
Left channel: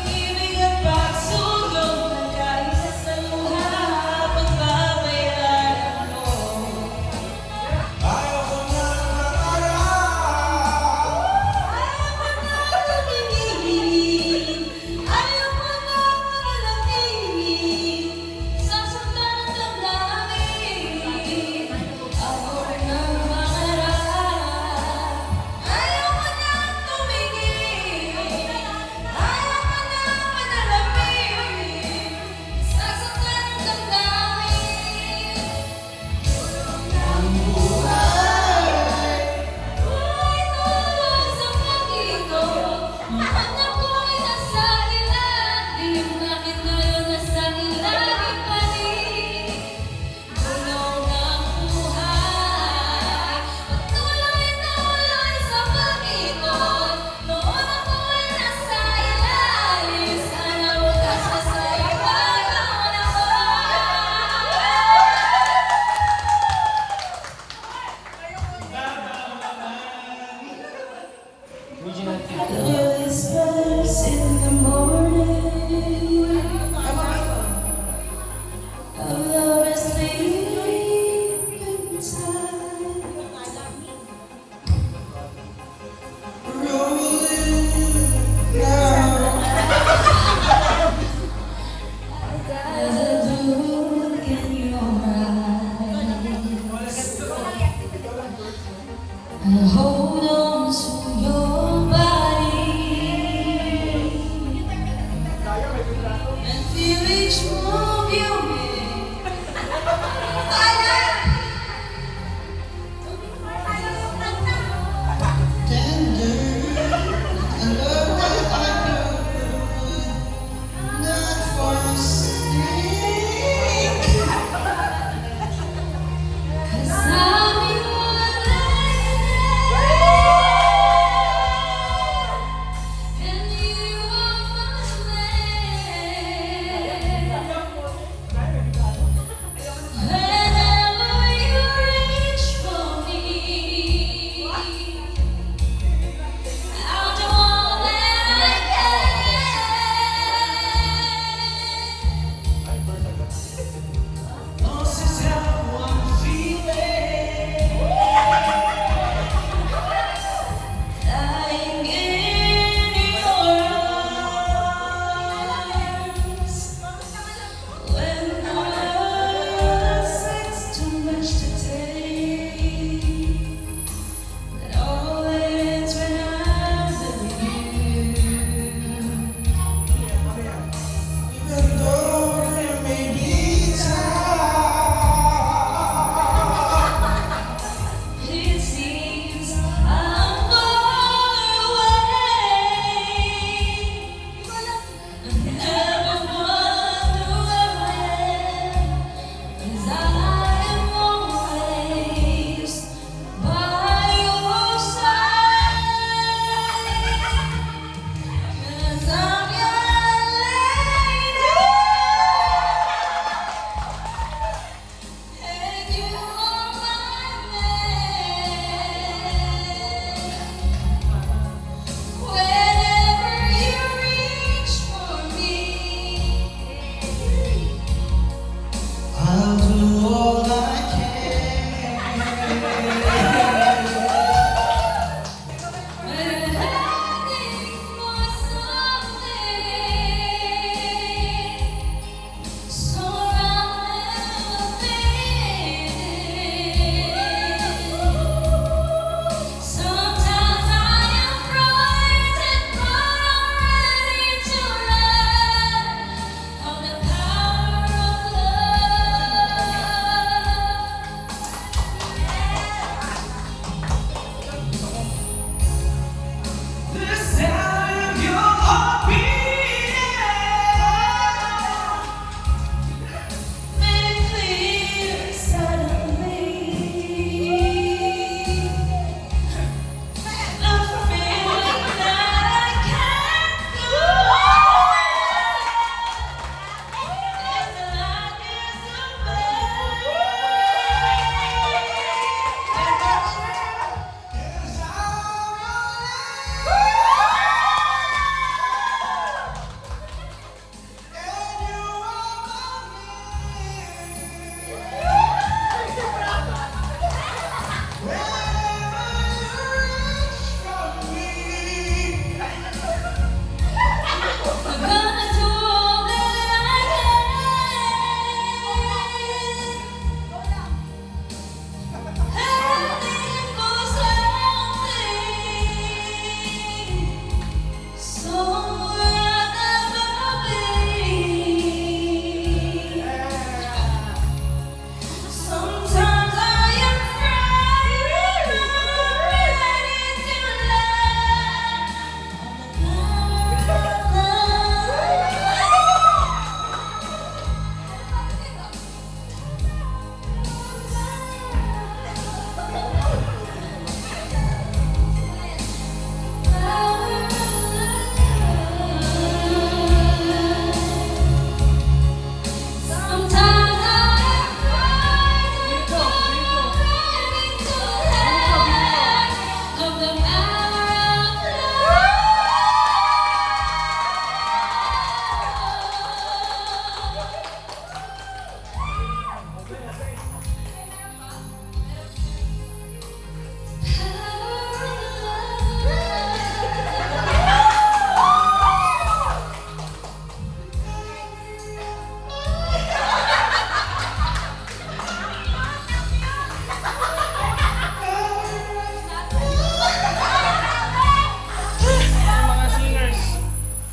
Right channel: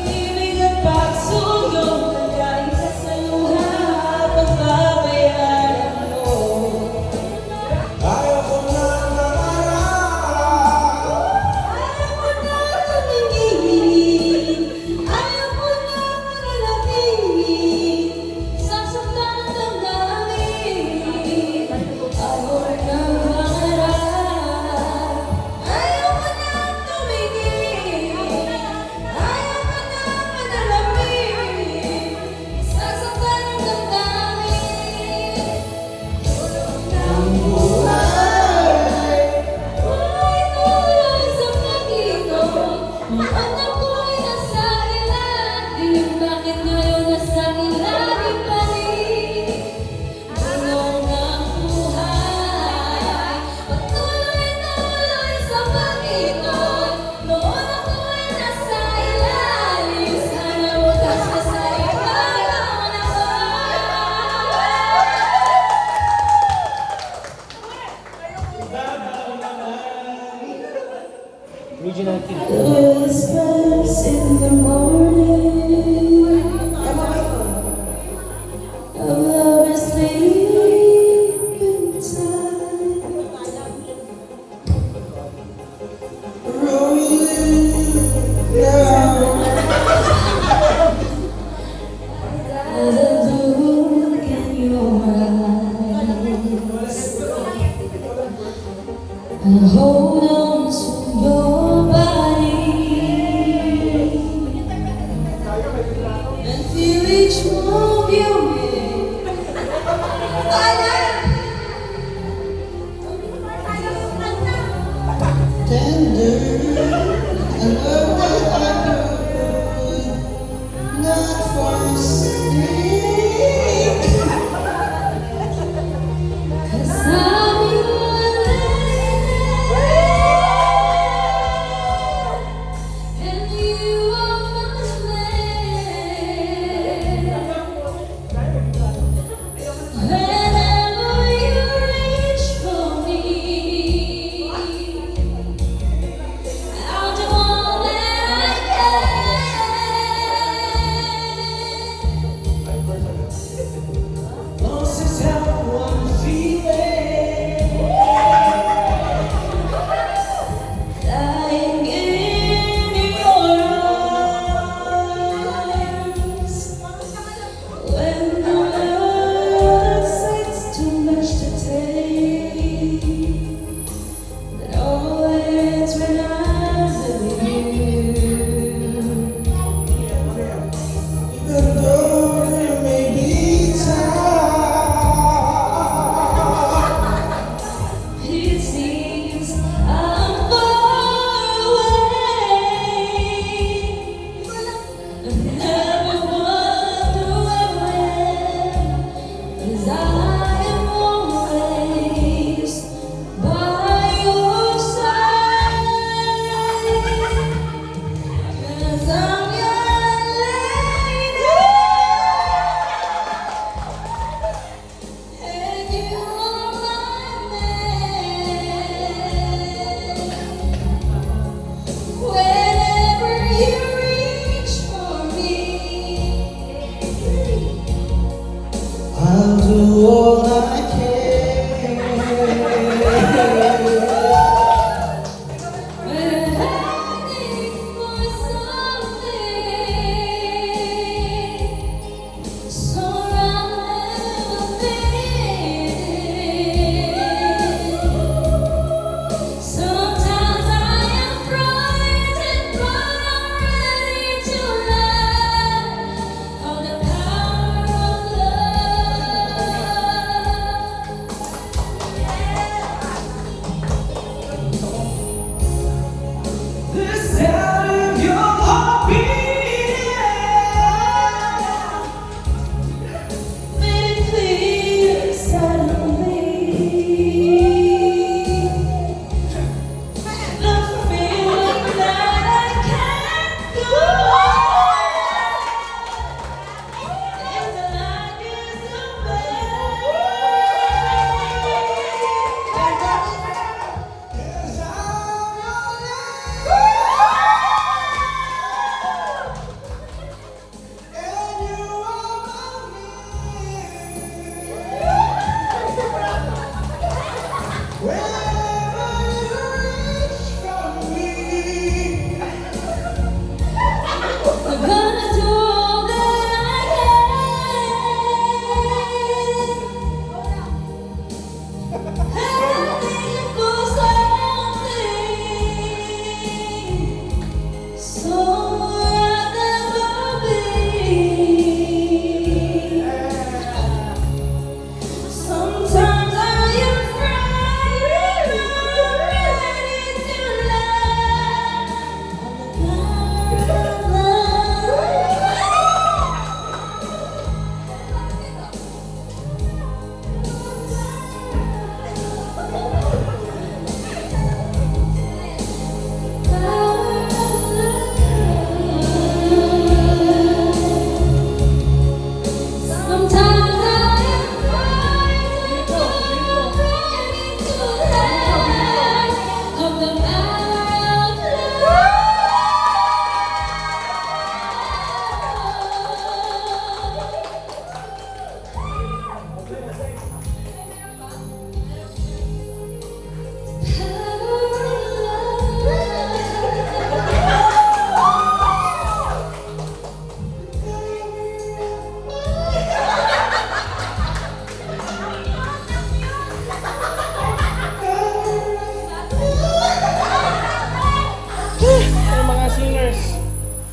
Ibig at pagsulong na kahit sa luha, pagbabayaran mo. Ayaw ko na mangarap, Ayaw ko na tumingin, ayaw ko na manalangin, sasaktan ang damdamin, ayaw ko na mangarap. Ayaw ko na tumingin, ayaw ko na manalangin, sasaktan ang damdamin. Buhay tulad sa pag-ibig, mahanap ko'y nasa ilalim. Bakit ngayon nasa ilalim pa rin? Gulong ang buhay, patuloy-tuloy sa pag-ikot. Noon ako'y nasa ilalim, sana wakas na sa ibang Original team. Whispers in the morning, a lover's sleeping time. There's a look in your eyes. I hold on to your body and feel each move you make. not for your sake. 'Cause I'm your lady.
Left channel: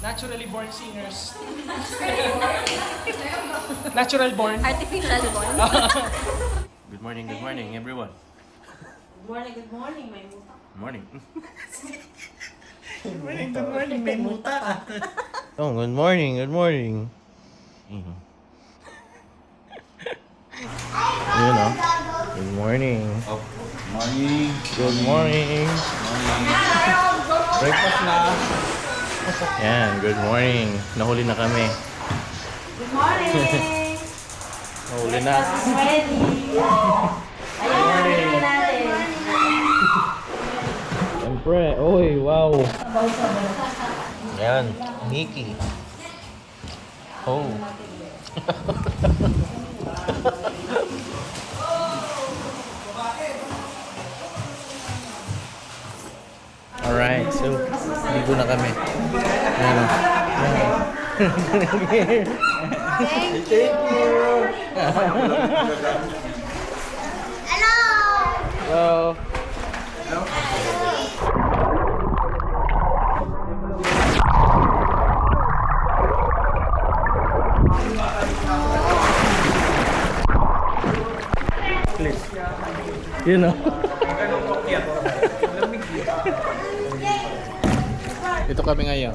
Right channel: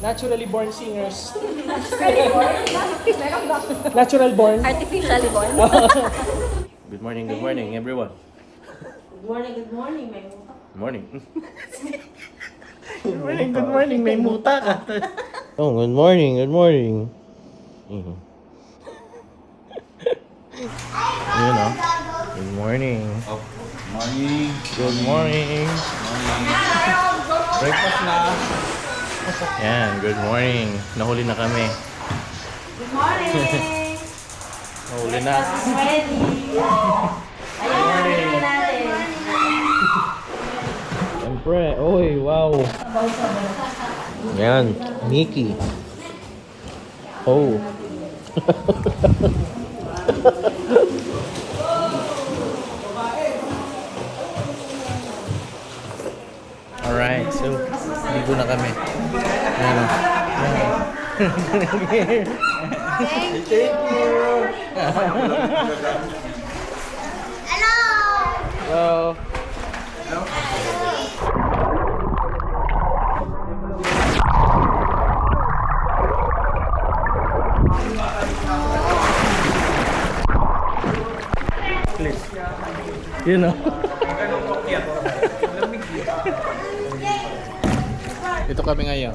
Naturally born singers. Natural born. Artificially born. Good morning everyone. Good morning, may muta. Morning. Good morning, may muta ka. Oh, good morning. Mhm. Yun o. Good morning. Oh, morning. Good morning. Breakfast na. Yan, good morning. Nahuli na kami. Good morning! Nahuli na. Ready! Ayan, ready natin. Siyempre. Oy, wow. Yan, Mickey. Oh. Alright, so ligo na kami. Yan. Thank you. Hello. Hello. Please. You know. Ito kami ngayon.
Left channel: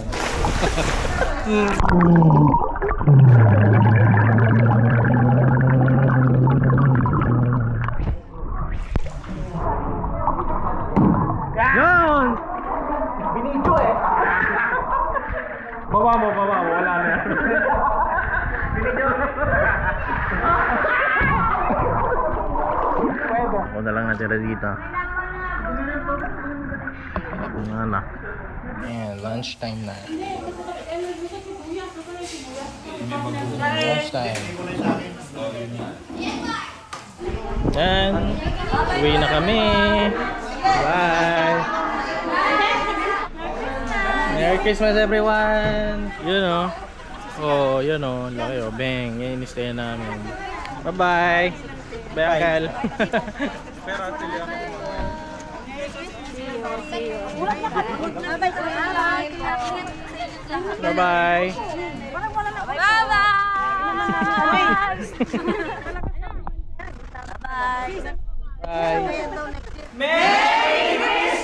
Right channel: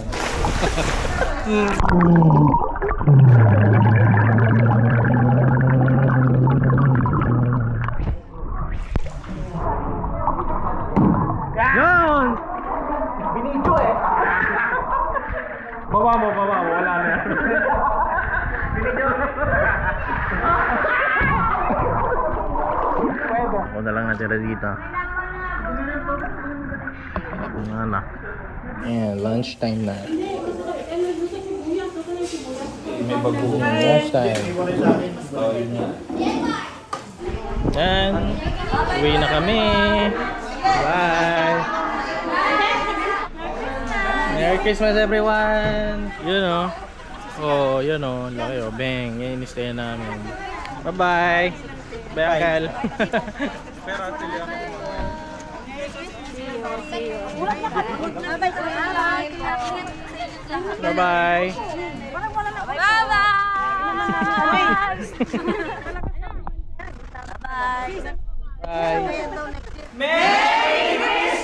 Yan! Binidyo eh. Baba mo, wala na. Binidyo. Ako na lang natira dito. Ano na. Ayan, lunchtime na. May bago. Lunchtime. Yan. Uwi na kami. Bye. Merry Christmas everyone. You know. Oh, you know. Laki oh. Bang. Yan yung stay namin. Bye-bye. Bye, Akal. Bye-bye. Bye. Bye. Merry Christmas!